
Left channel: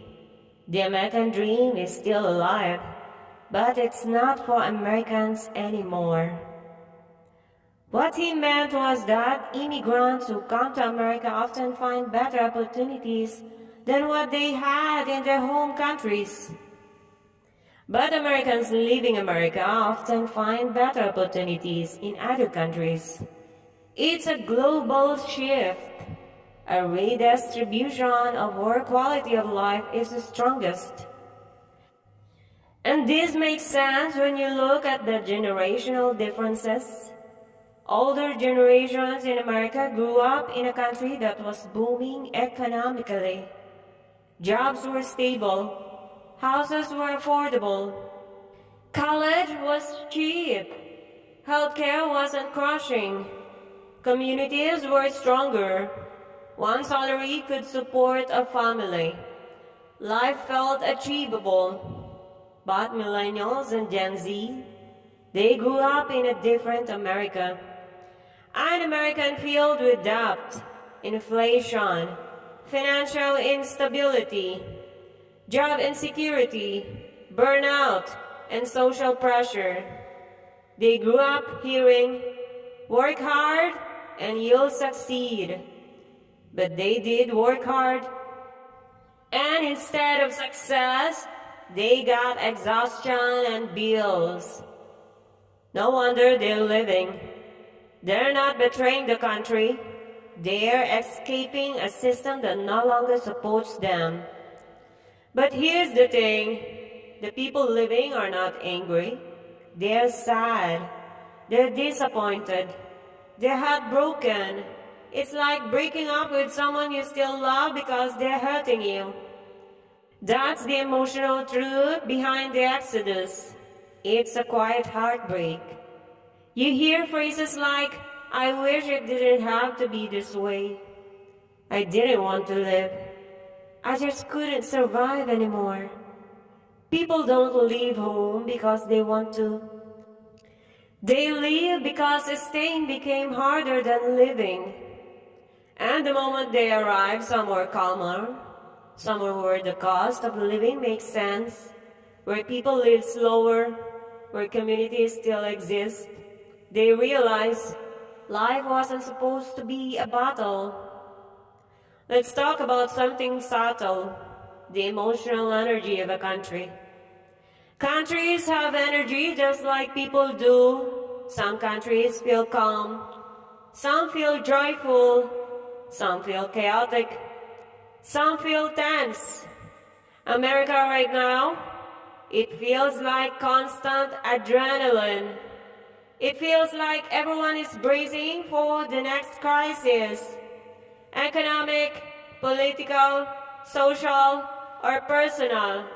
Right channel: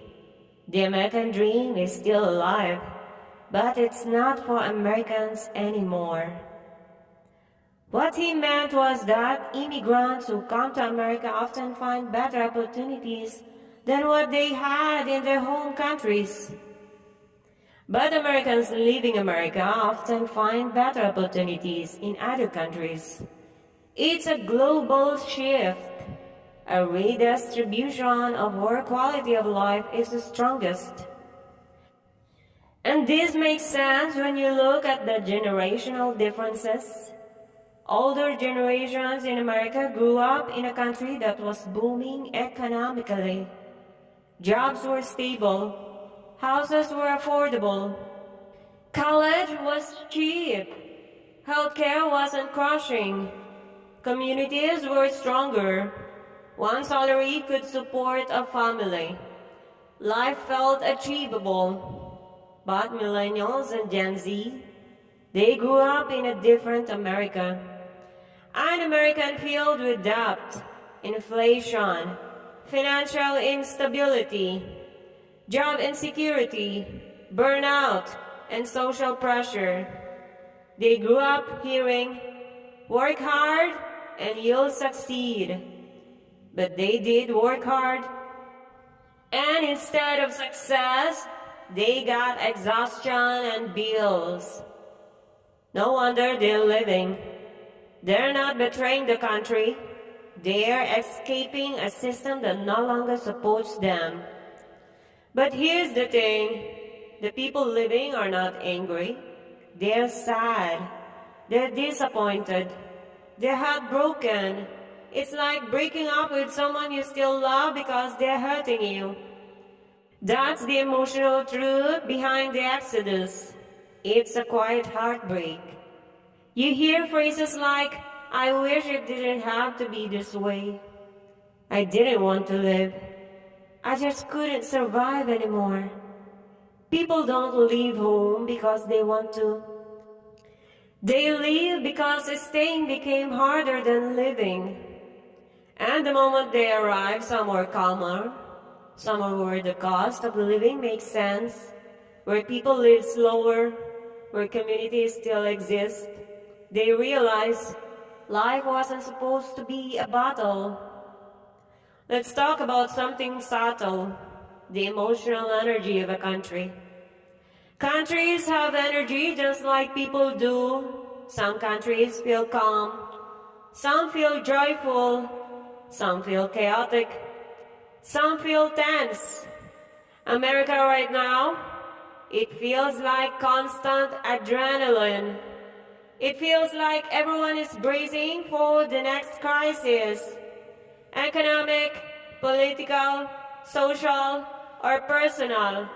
The American dream is still alive, but it's not for Americans anymore. What he meant was that immigrants who come to America often find better opportunities than what they had in their home countries. But Americans leaving America often find better opportunities in other countries. It's a global shift, a redistribution of where quality of life is the strongest. And this makes sense when you look at the generational differences. Older generations in America grew up in a country that was booming economically. Jobs were stable. Houses were affordable. College was cheap. Healthcare wasn't crushing. Communities were stronger. One salary could support a family. Life felt achievable. But millennials and Gen Z, they grew up in a different America. An American filled with debt, inflation, financial instability, job insecurity, burnout, and social pressure. They grew up hearing, Work hard and you'll succeed. But they did work hard, and instead of success, they got exhaustion and bills. No wonder they're living. They're not betraying the country. They're escaping a system that no longer supports them. But here's the thing. The people living are not angry. They're sad. They're disappointed. They're heartbroken. It's like breaking up with someone you still love because they're hurting you. That's the emotional truth behind the exodus. It's a quiet heartbreak. You hear phrases like, "I wish it didn't have to be this way. I didn't want to live. I just couldn't survive anymore." People don't leave home because they want to. They leave because staying became harder than living. And the moment they arrive somewhere calmer, somewhere where the cost of living makes sense, where people live slower, where communities still exist, they realize life wasn't supposed to be a battle. Let's talk about something subtle, the emotional energy of a country. Countries have energy just like people do. Some countries feel calm, some feel joyful, some feel chaotic, some feel tense. America right now, it feels like constant adrenaline. It feels like everyone is bracing for the next crisis. Economic, political, social, or personal.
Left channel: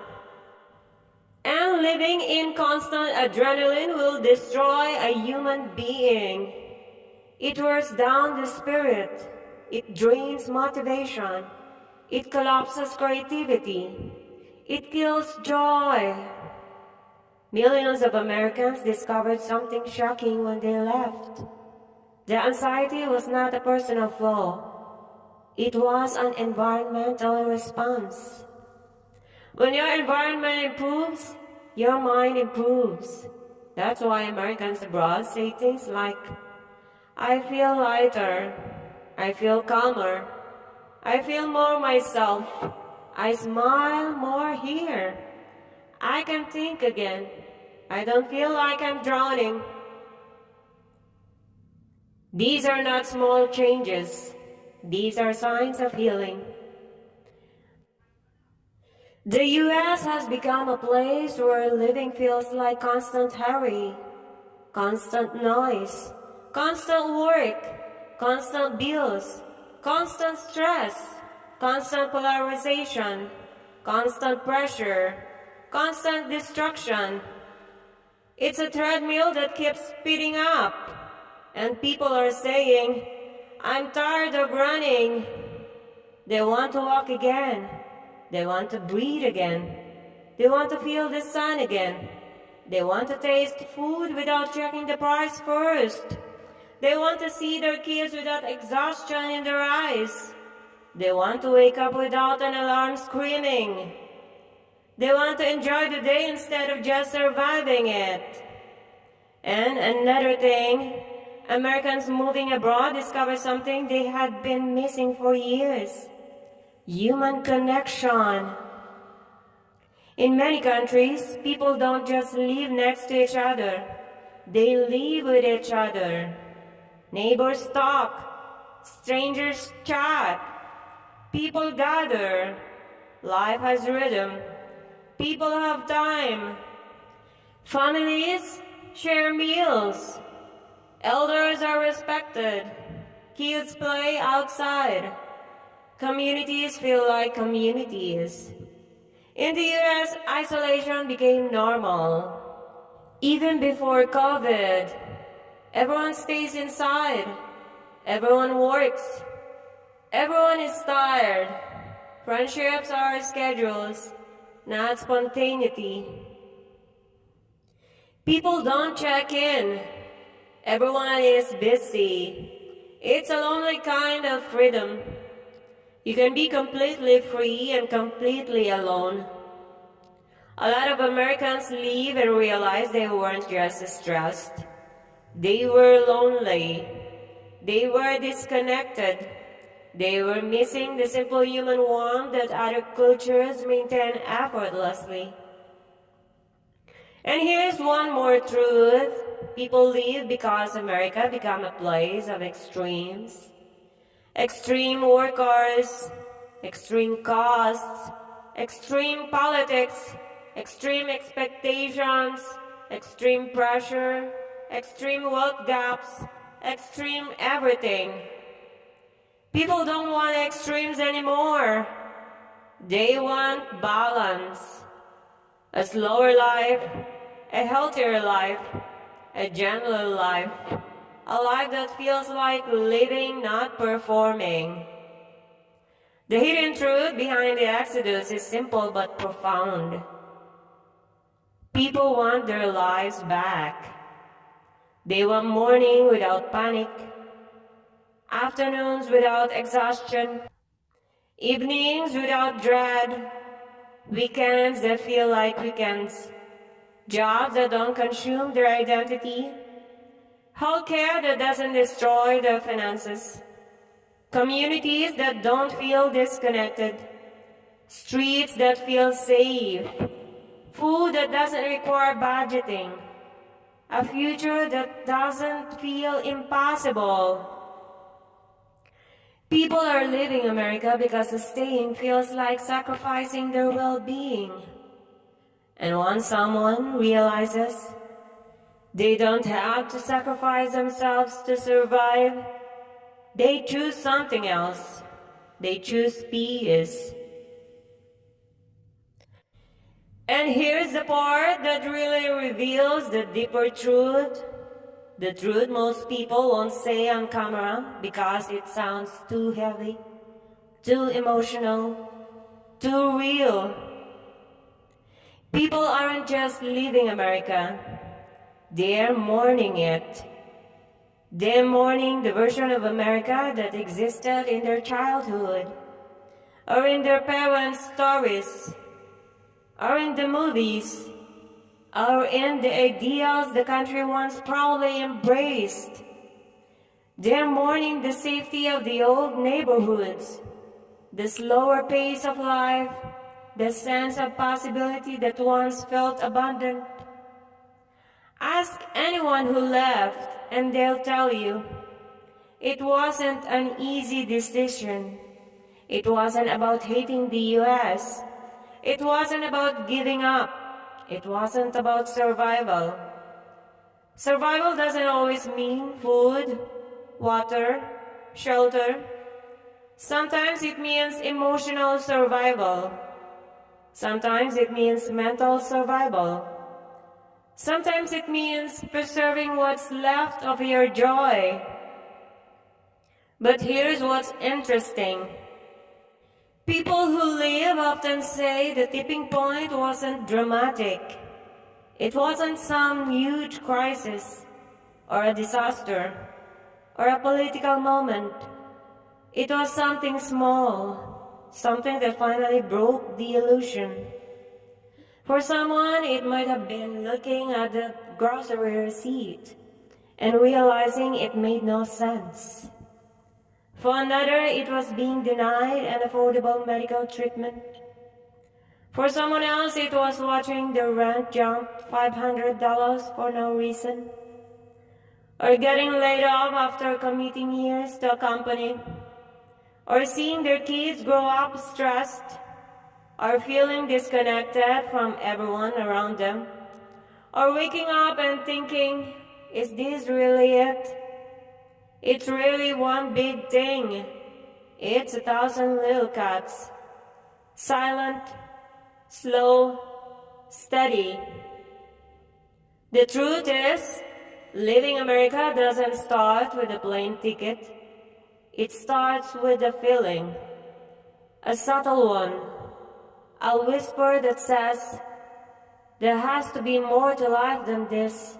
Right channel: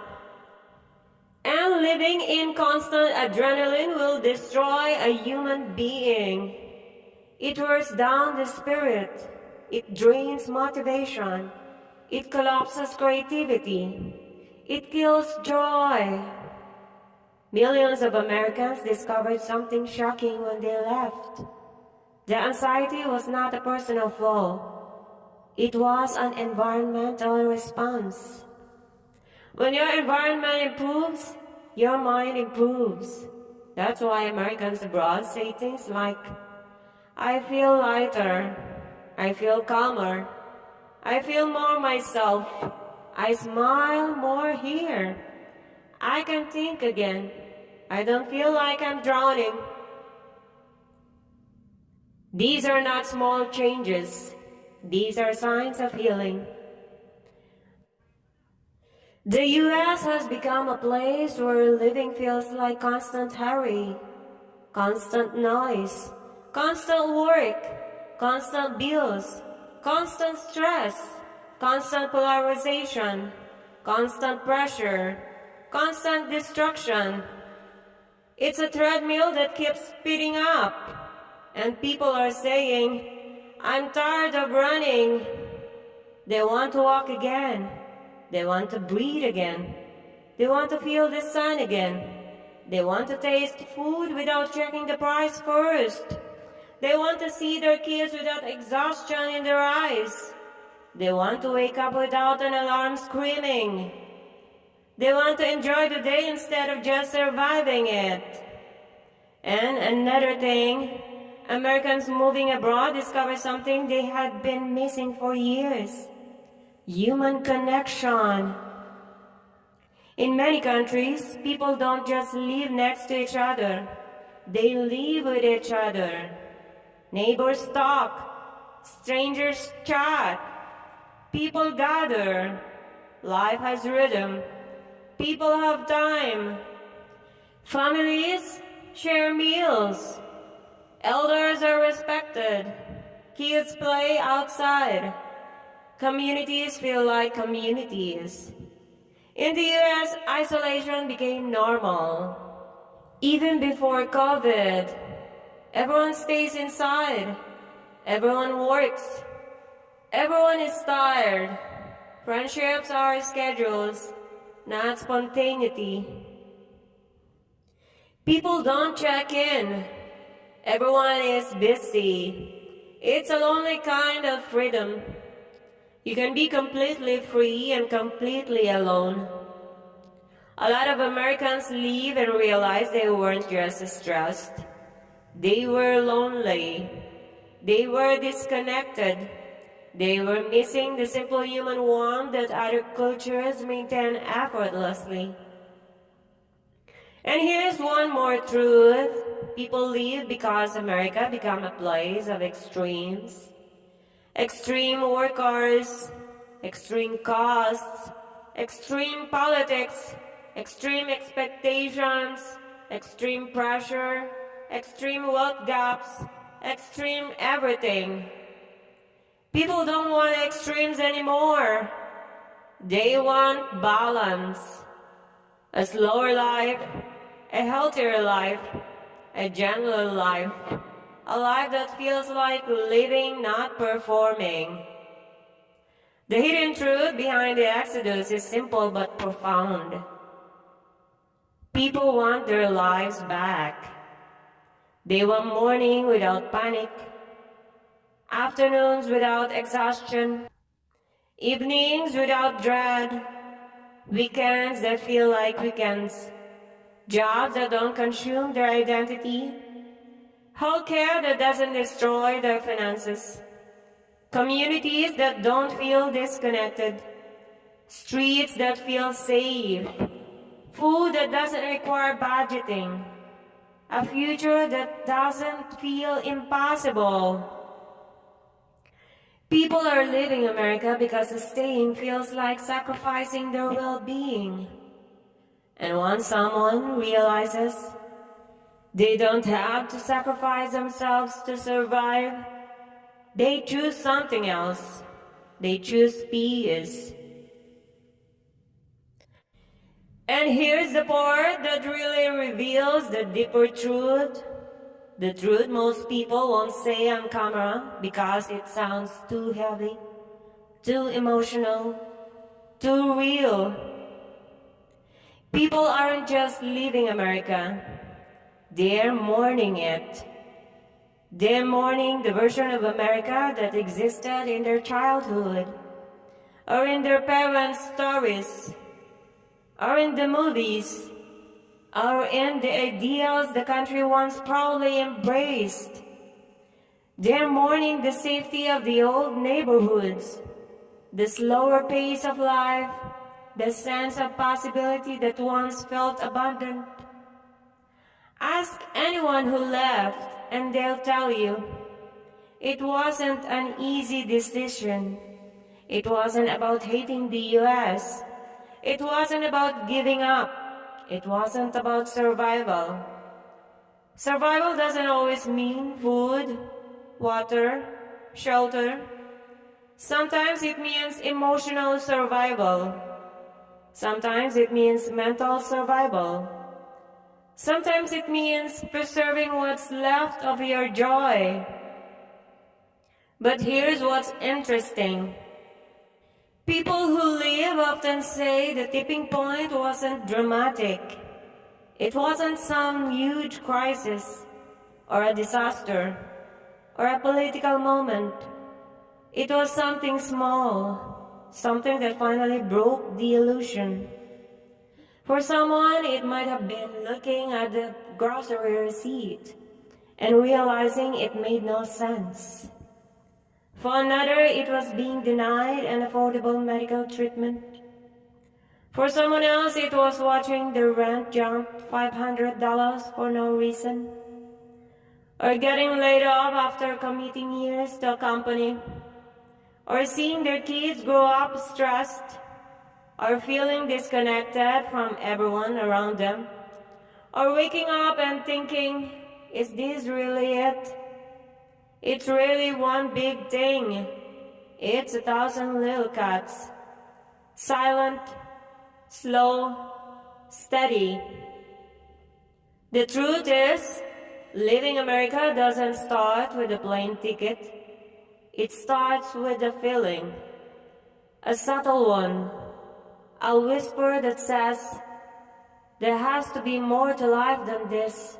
And living in constant adrenaline will destroy a human being. It wears down the spirit. It drains motivation. It collapses creativity. It kills joy. Millions of Americans discovered something shocking when they left. The anxiety was not a personal flaw. It was an environmental response. When your environment improves, your mind improves. That's why Americans abroad say things like, "I feel lighter, I feel calmer, I feel more myself, I smile more here, I can think again, I don't feel like I'm drowning." These are not small changes. These are signs of healing. The U.S. has become a place where living feels like constant hurry, constant noise, constant work, constant bills, constant stress, constant polarization, constant pressure, constant destruction. It's a treadmill that keeps speeding up, and people are saying, "I'm tired of running." They want to walk again. They want to breathe again. They want to feel the sun again. They want to taste food without checking the price first. They want to see their kids without exhaustion in their eyes. They want to wake up without an alarm screaming. They want to enjoy the day instead of just surviving it. And another thing, Americans moving abroad discovered something they had been missing for years: human connection. In many countries, people don't just live next to each other, they live with each other. Neighbors talk, strangers chat, people gather. Life has rhythm. People have time. Families share meals. Elders are respected. Kids play outside. Communities feel like communities. In the US, isolation became normal. Even before COVID, everyone stays inside. Everyone works. Everyone is tired. Friendships are schedules, not spontaneity. People don't check in. Everyone is busy. It's a lonely kind of freedom. You can be completely free and completely alone. A lot of Americans leave and realize they weren't just stressed. They were lonely. They were disconnected. They were missing the simple human warmth that other cultures maintain effortlessly. And here's one more truth. People leave because America became a place of extremes. Extreme workers, extreme costs, extreme politics, extreme expectations, extreme pressure, extreme wealth gaps, extreme everything. People don't want extremes anymore. They want balance. A slower life, a healthier life, a gentler life, a life that feels like living, not performing. The hidden truth behind the Exodus is simple but profound. People want their lives back. They want morning without panic, afternoons without exhaustion, evenings without dread, weekends that feel like weekends, jobs that don't consume their identity, healthcare that doesn't destroy their finances, communities that don't feel disconnected, streets that feel safe, food that doesn't require budgeting, a future that doesn't feel impossible. People are leaving America because staying feels like sacrificing their well-being. And once someone realizes they don't have to sacrifice themselves to survive, they choose something else. They choose peace. And here's the part that really reveals the deeper truth. The truth most people won't say on camera because it sounds too heavy, too emotional, too real. People aren't just leaving America, they're mourning it. They're mourning the version of America that existed in their childhood, or in their parents' stories, or in the movies, or in the ideals the country once proudly embraced. They're mourning the safety of the old neighborhoods, the slower pace of life, the sense of possibility that once felt abundant. Ask anyone who left, and they'll tell you, it wasn't an easy decision. It wasn't about hating the US. It wasn't about giving up. It wasn't about survival. Survival doesn't always mean food, water, shelter. Sometimes it means emotional survival. Sometimes it means mental survival. Sometimes it means preserving what's left of your joy. But here's what's interesting. People who leave often say the tipping point wasn't dramatic. It wasn't some huge crisis, or a disaster, or a political moment. It was something small, something that finally broke the illusion. For someone, it might have been looking at the grocery receipt and realizing it made no sense. For another, it was being denied an affordable medical treatment. For someone else, it was watching the rent jump $500 for no reason, or getting laid off after committing years to a company, or seeing their kids grow up stressed, or feeling disconnected from everyone around them, or waking up and thinking, is this really it? It's really one big thing. It's 1,000 little cuts. Silent, slow, steady. The truth is, leaving America doesn't start with a plane ticket. It starts with a feeling, a subtle one, a whisper that says, there has to be more to life than this.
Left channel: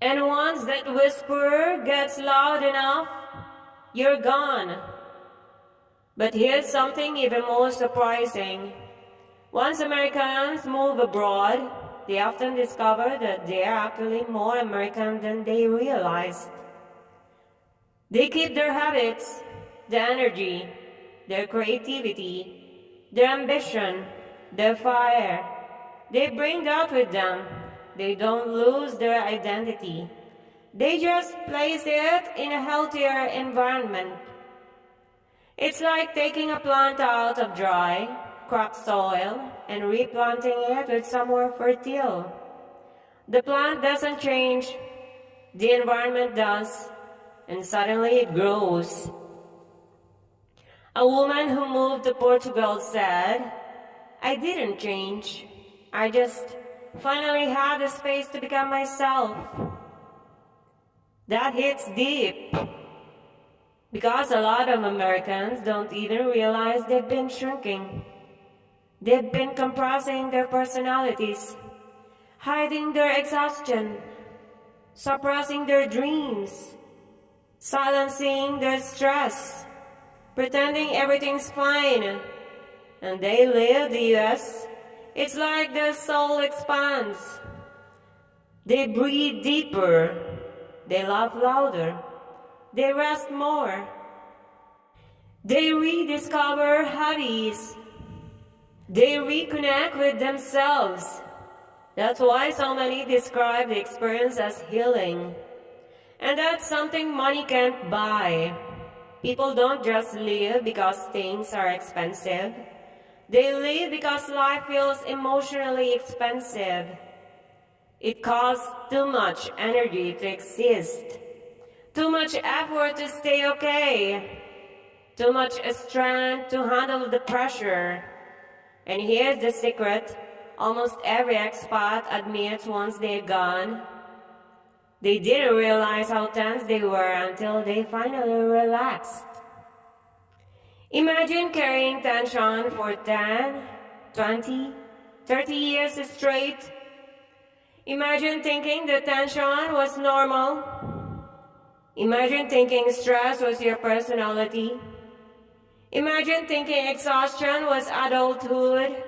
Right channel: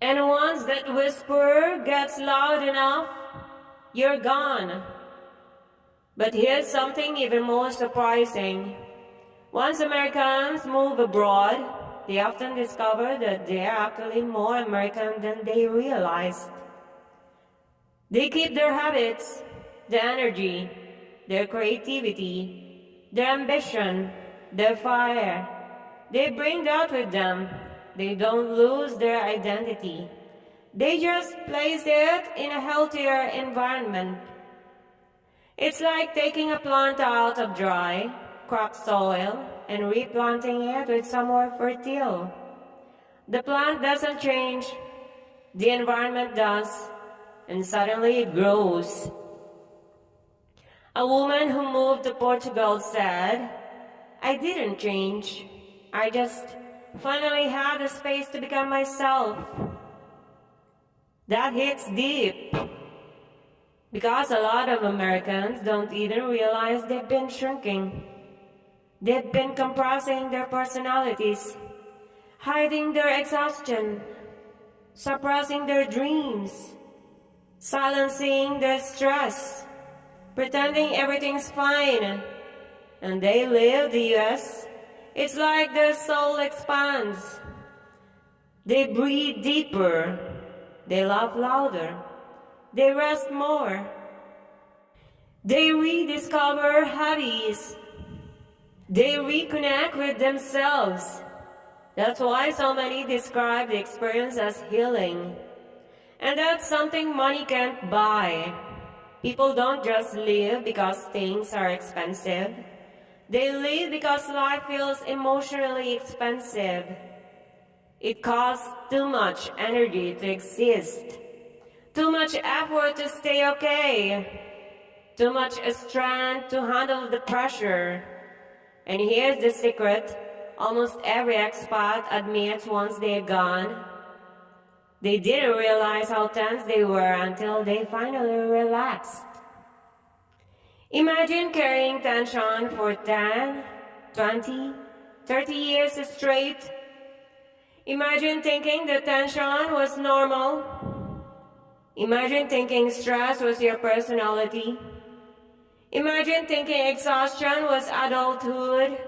And once that whisper gets loud enough, you're gone. But here's something even more surprising. Once Americans move abroad, they often discover that they are actually more American than they realized. They keep their habits, their energy, their creativity, their ambition, their fire. They bring that with them. They don't lose their identity. They just place it in a healthier environment. It's like taking a plant out of dry, cracked soil and replanting it with somewhere fertile. The plant doesn't change, the environment does, and suddenly it grows. A woman who moved to Portugal said, "I didn't change. I just finally had the space to become myself." That hits deep, because a lot of Americans don't even realize they've been shrinking. They've been compressing their personalities, hiding their exhaustion, suppressing their dreams, silencing their stress, pretending everything's fine. And they leave the US, it's like their soul expands. They breathe deeper, they laugh louder, they rest more. They rediscover hobbies. They reconnect with themselves. That's why so many describe the experience as healing. And that's something money can't buy. People don't just live because things are expensive. They live because life feels emotionally expensive. It costs too much energy to exist, too much effort to stay okay, too much strength to handle the pressure. And here's the secret: almost every expat admits once they're gone, they didn't realize how tense they were until they finally relaxed. Imagine carrying tension for 10, 20, 30 years straight. Imagine thinking the tension was normal. Imagine thinking stress was your personality. Imagine thinking exhaustion was adulthood.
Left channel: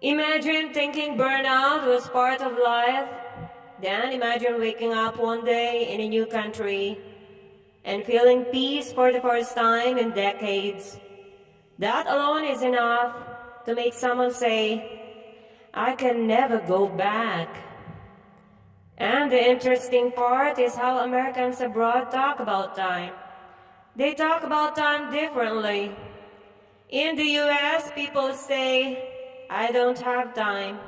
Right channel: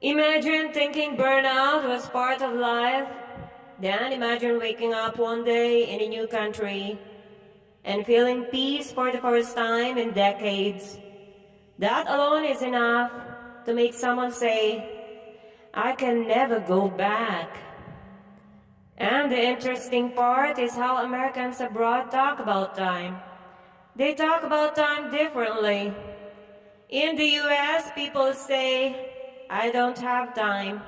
Imagine thinking burnout was part of life. Then imagine waking up one day in a new country and feeling peace for the first time in decades. That alone is enough to make someone say, "I can never go back." And the interesting part is how Americans abroad talk about time. They talk about time differently. In the US, people say, "I don't have time.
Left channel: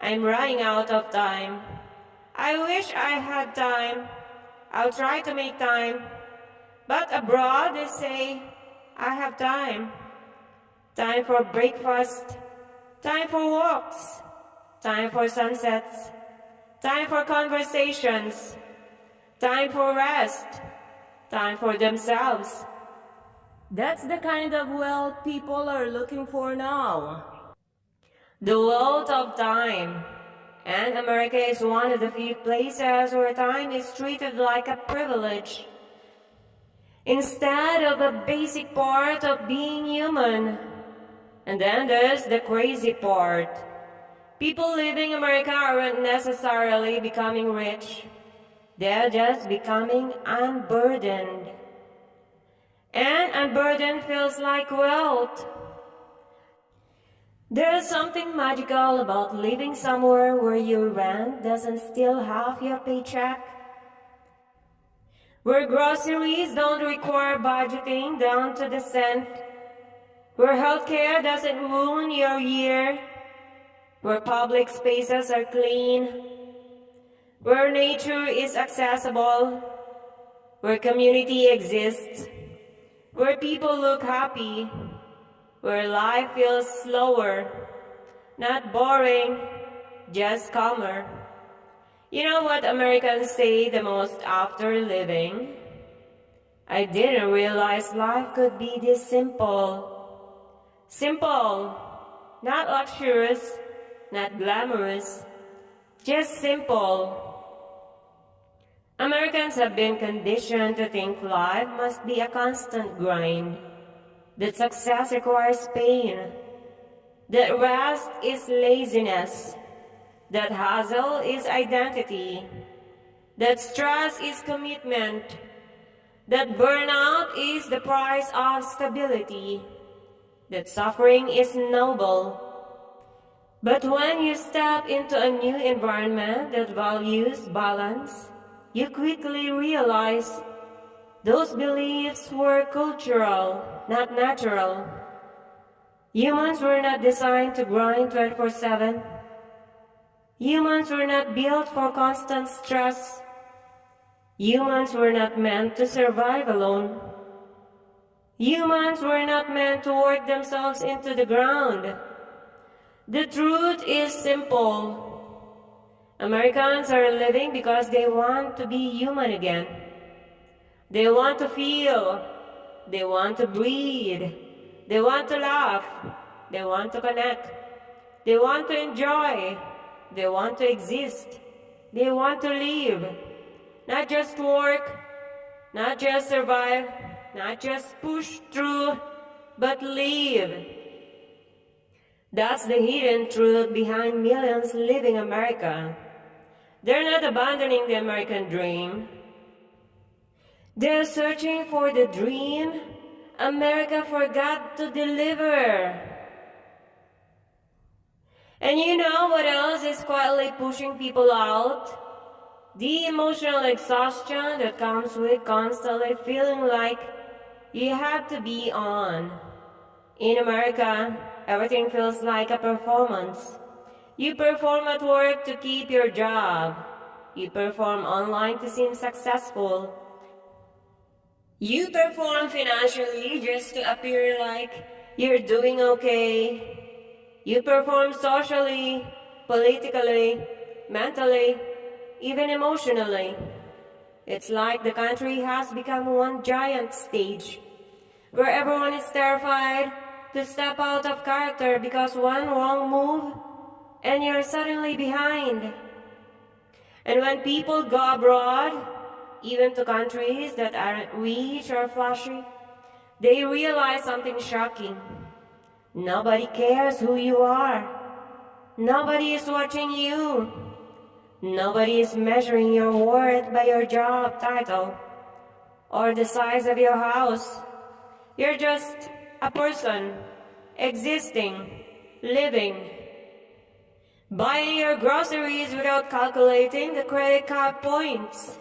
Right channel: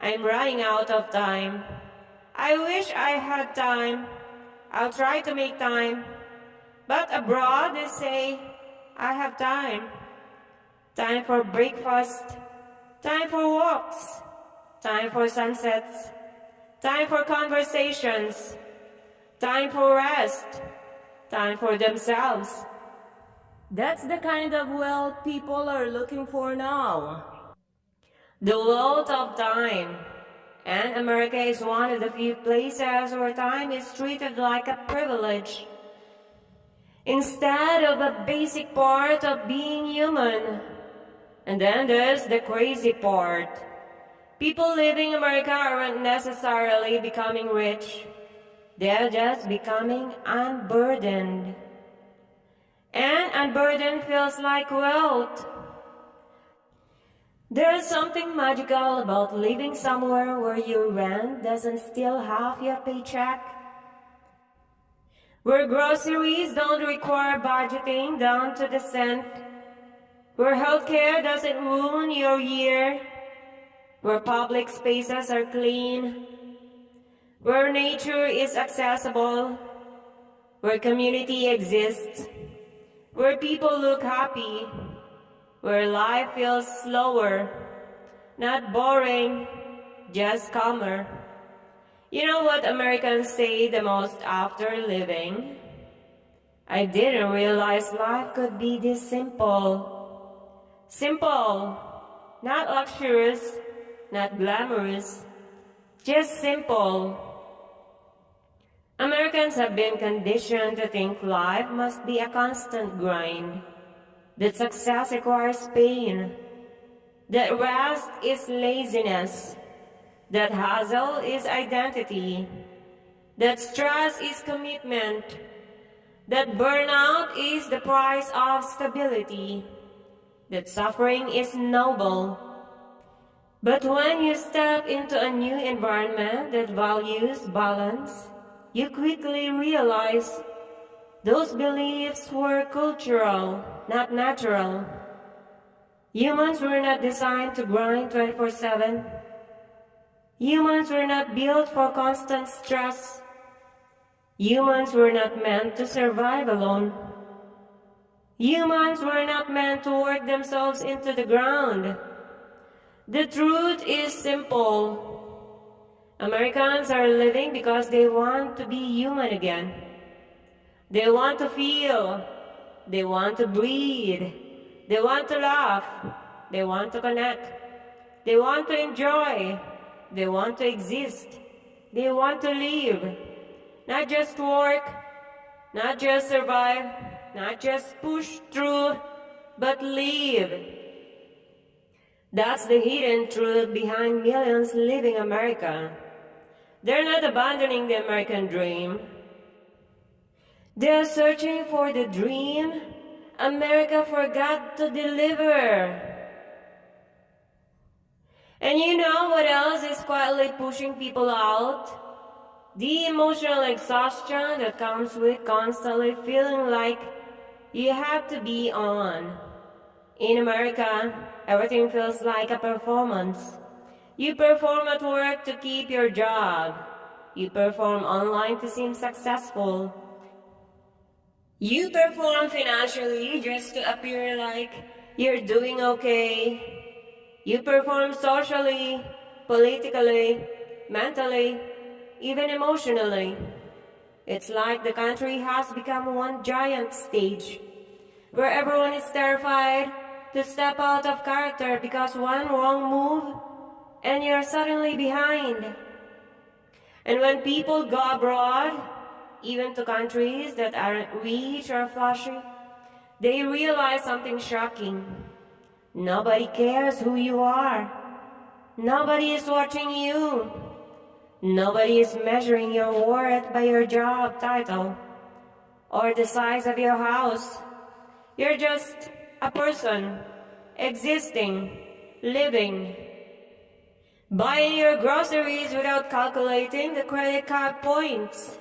I'm running out of time. I wish I had time. I'll try to make time." But abroad, they say, "I have time. Time for breakfast, time for walks, time for sunsets, time for conversations, time for rest, time for themselves." That's the kind of wealth people are looking for now. The wealth of time. And America is one of the few places where time is treated like a privilege, instead of a basic part of being human. And then there's the crazy part. People living in America aren't necessarily becoming rich. They're just becoming unburdened. And unburdened feels like wealth. There's something magical about living somewhere where your rent doesn't steal half your paycheck, where groceries don't require budgeting down to the cent, where healthcare doesn't ruin your year, where public spaces are clean, where nature is accessible, where community exists, where people look happy, where life feels slower, not boring, just calmer. You know what Americans say the most after leaving? "I didn't realize life could be this simple." Simple, not luxurious, not glamorous, just simple. Americans have been conditioned to think life must be a constant grind, that success requires pain, that rest is laziness, that hustle is identity, that stress is commitment, that burnout is the price of stability, that suffering is noble. But when you step into a new environment that values balance, you quickly realize those beliefs were cultural, not natural. Humans were not designed to grind 24/7. Humans were not built for constant stress. Humans were not meant to survive alone. Humans were not meant to work themselves into the ground. The truth is simple. Americans are living because they want to be human again. They want to feel. They want to breathe. They want to laugh. They want to connect. They want to enjoy. They want to exist. They want to live. Not just work, not just survive, not just push through, but live. That's the hidden truth behind millions living America. They're not abandoning the American dream. They're searching for the dream America forgot to deliver. And you know what else is quietly pushing people out? The emotional exhaustion that comes with constantly feeling like you have to be on. In America, everything feels like a performance. You perform at work to keep your job. You perform online to seem successful. You perform financially just to appear like you're doing okay. You perform socially, politically, mentally, even emotionally. It's like the country has become one giant stage where everyone is terrified to step out of character because one wrong move and you're suddenly behind. And when people go abroad, even to countries that aren't rich or flashy, they realize something shocking. Nobody cares who you are. Nobody is watching you. Nobody is measuring your worth by your job title or the size of your house. You're just a person, existing, living, buying your groceries without calculating the credit card points,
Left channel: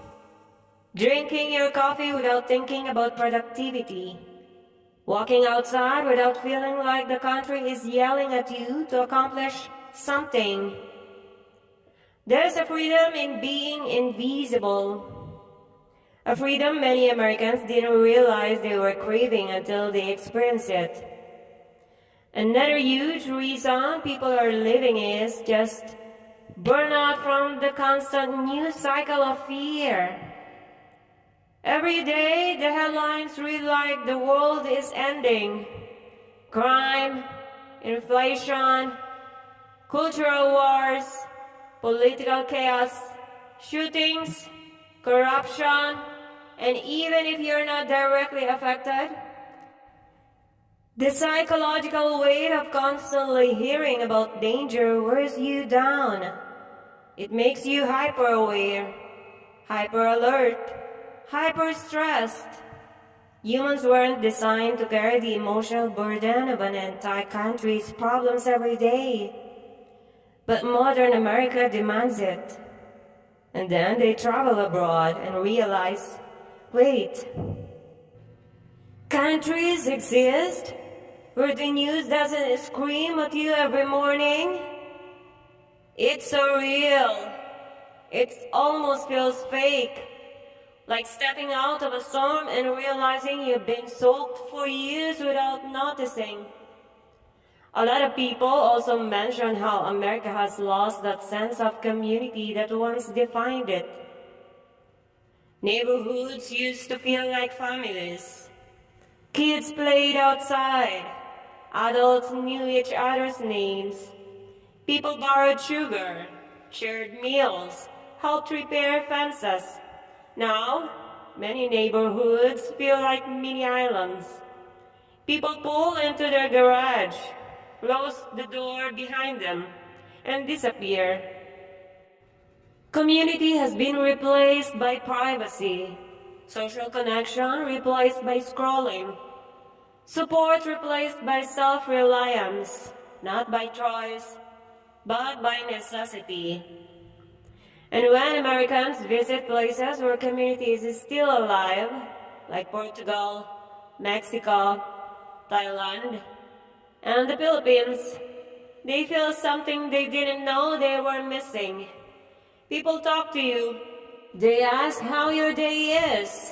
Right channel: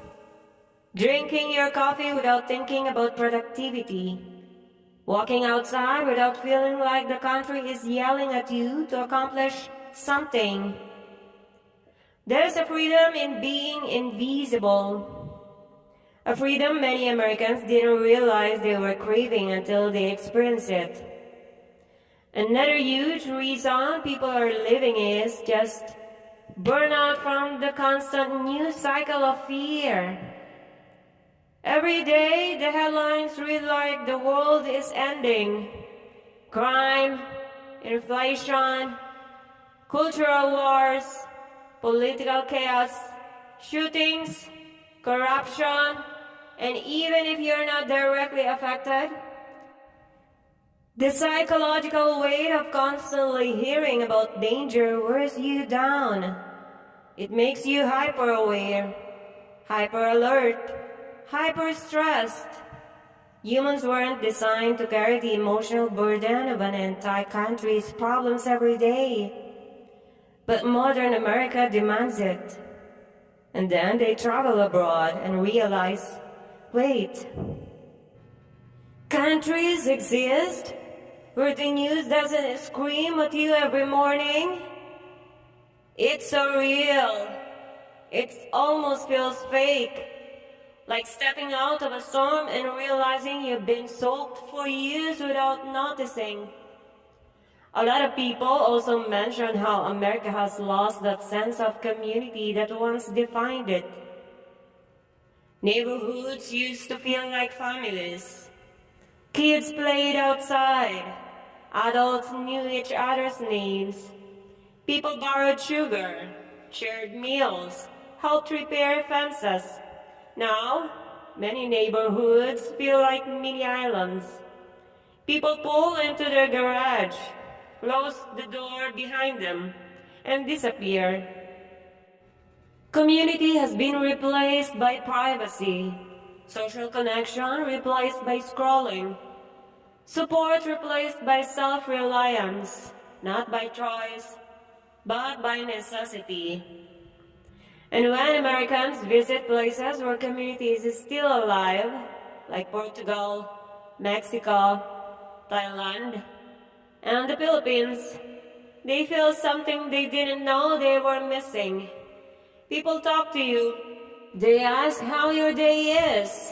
drinking your coffee without thinking about productivity, walking outside without feeling like the country is yelling at you to accomplish something. There's a freedom in being invisible. A freedom many Americans didn't realize they were craving until they experienced it. Another huge reason people are living is just burnout from the constant news cycle of fear. Every day, the headlines read like the world is ending. Crime, inflation, cultural wars, political chaos, shootings, corruption, and even if you're not directly affected, the psychological weight of constantly hearing about danger wears you down. It makes you hyper-aware, hyper-alert, hyper-stressed. Humans weren't designed to carry the emotional burden of an entire country's problems every day. But modern America demands it. And then they travel abroad and realize, wait, countries exist where the news doesn't scream at you every morning? It's so real. It almost feels fake. Like stepping out of a storm and realizing you've been soaked for years without noticing. A lot of people also mention how America has lost that sense of community that once defined it. Neighborhoods used to feel like families. Kids played outside. Adults knew each other's names. People borrowed sugar, shared meals, helped repair fences. Now, many neighborhoods feel like mini islands. People pull into their garage, close the door behind them, and disappear. Community has been replaced by privacy, social connection replaced by scrolling, support replaced by self-reliance, not by choice, but by necessity. And when Americans visit places where community is still alive, like Portugal, Mexico, Thailand, and the Philippines, they feel something they didn't know they were missing. People talk to you. They ask how your day is.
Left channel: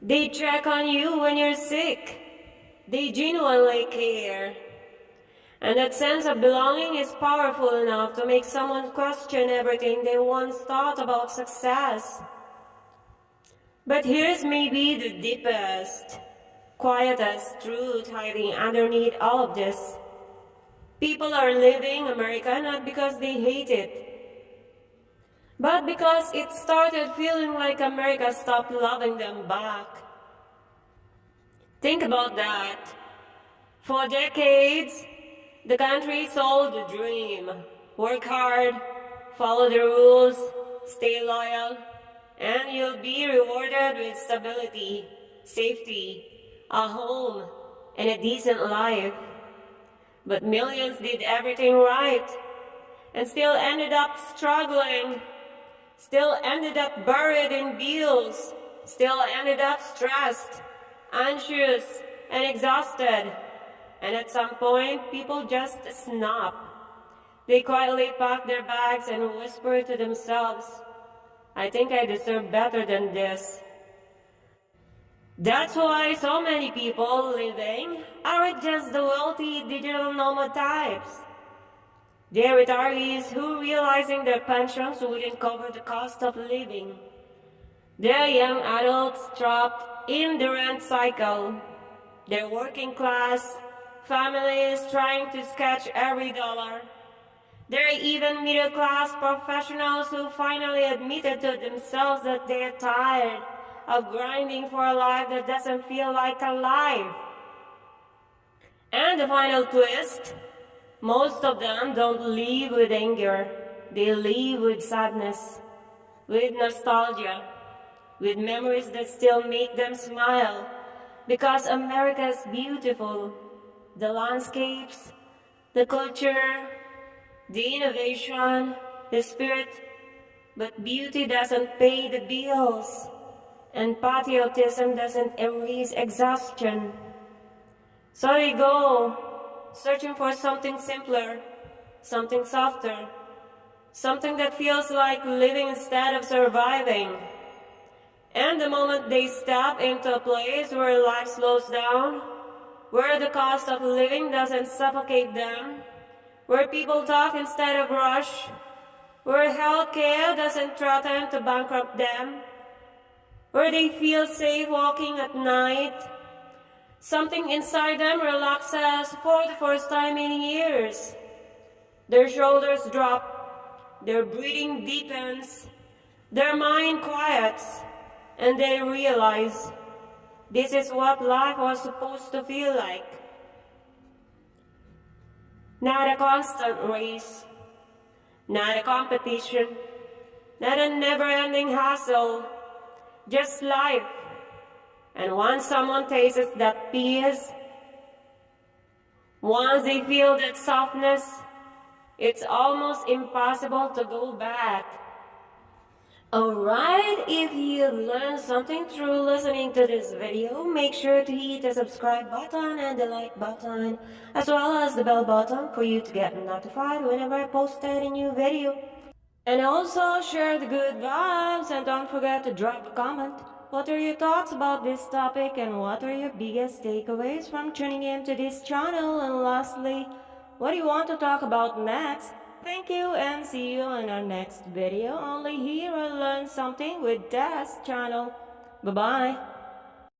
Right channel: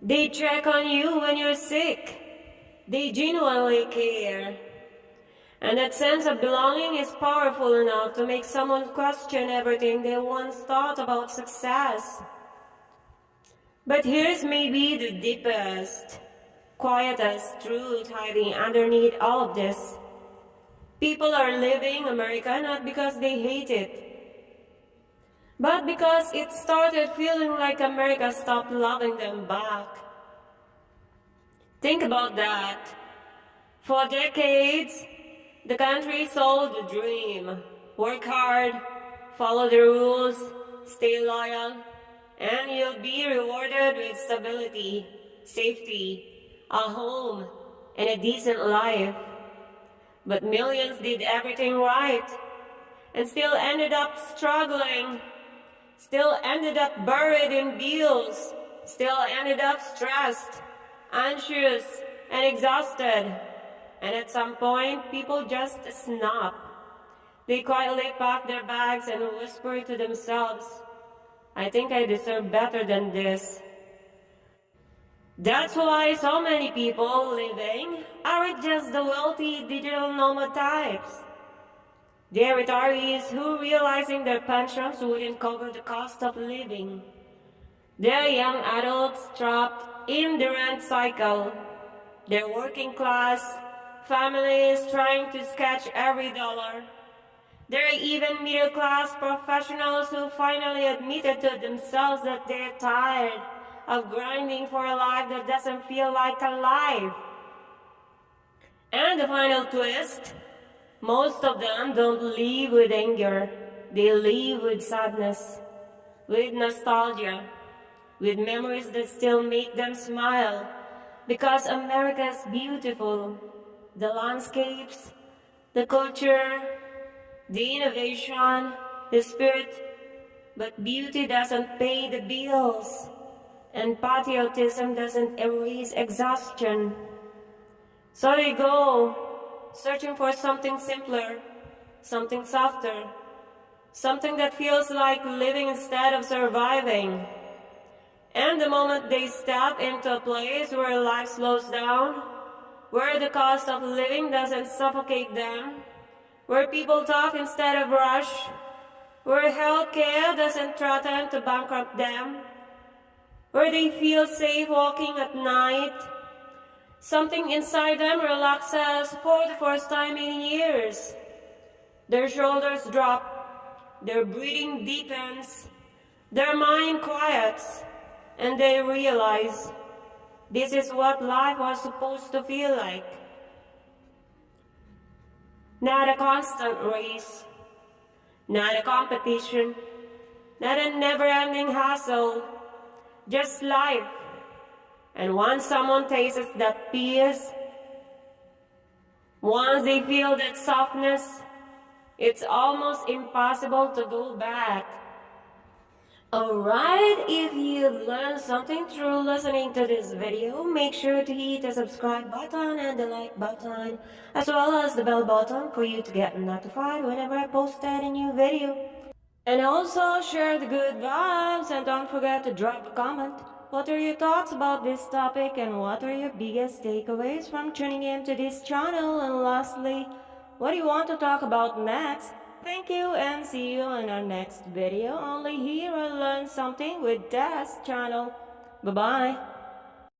They check on you when you're sick. They genuinely care. And that sense of belonging is powerful enough to make someone question everything they once thought about success. But here's maybe the deepest, quietest truth hiding underneath all of this. People are leaving America not because they hate it, but because it started feeling like America stopped loving them back. Think about that. For decades, the country sold the dream. Work hard, follow the rules, stay loyal, and you'll be rewarded with stability, safety, a home, and a decent life. But millions did everything right and still ended up struggling, still ended up buried in bills, still ended up stressed, anxious, and exhausted. And at some point, people just snap. They quietly pack their bags and whisper to themselves, I think I deserve better than this. That's why so many people living aren't just the wealthy digital nomad types. They're retirees who, realizing their pensions wouldn't cover the cost of living. They're young adults trapped in the rent cycle. They're working class families trying to sketch every dollar. There are even middle-class professionals who finally admitted to themselves that they're tired of grinding for a life that doesn't feel like a life. And the final twist, most of them don't live with anger. They live with sadness, with nostalgia, with memories that still make them smile. Because America is beautiful. The landscapes, the culture, the innovation, the spirit, but beauty doesn't pay the bills, and patriotism doesn't erase exhaustion. So they go, searching for something simpler, something softer, something that feels like living instead of surviving. And the moment they step into a place where life slows down, where the cost of living doesn't suffocate them, where people talk instead of rush, where healthcare doesn't threaten to bankrupt them, where they feel safe walking at night, something inside them relaxes for the first time in years. Their shoulders drop, their breathing deepens, their mind quiets, and they realize this is what life was supposed to feel like. Not a constant race, not a competition, not a never-ending hustle, just life. And once someone tastes that peace, once they feel that softness, it's almost impossible to go back. Alright, if you learned something through listening to this video, make sure to hit the subscribe button and the like button, as well as the bell button for you to get notified whenever I post a new video. And also share the good vibes, and don't forget to drop a comment. What are your thoughts about this topic, and what are your biggest takeaways from tuning in to this channel? And lastly, what do you want to talk about next? Thank you, and see you in our next video, only here on Learn Something with Des channel. Bye-bye.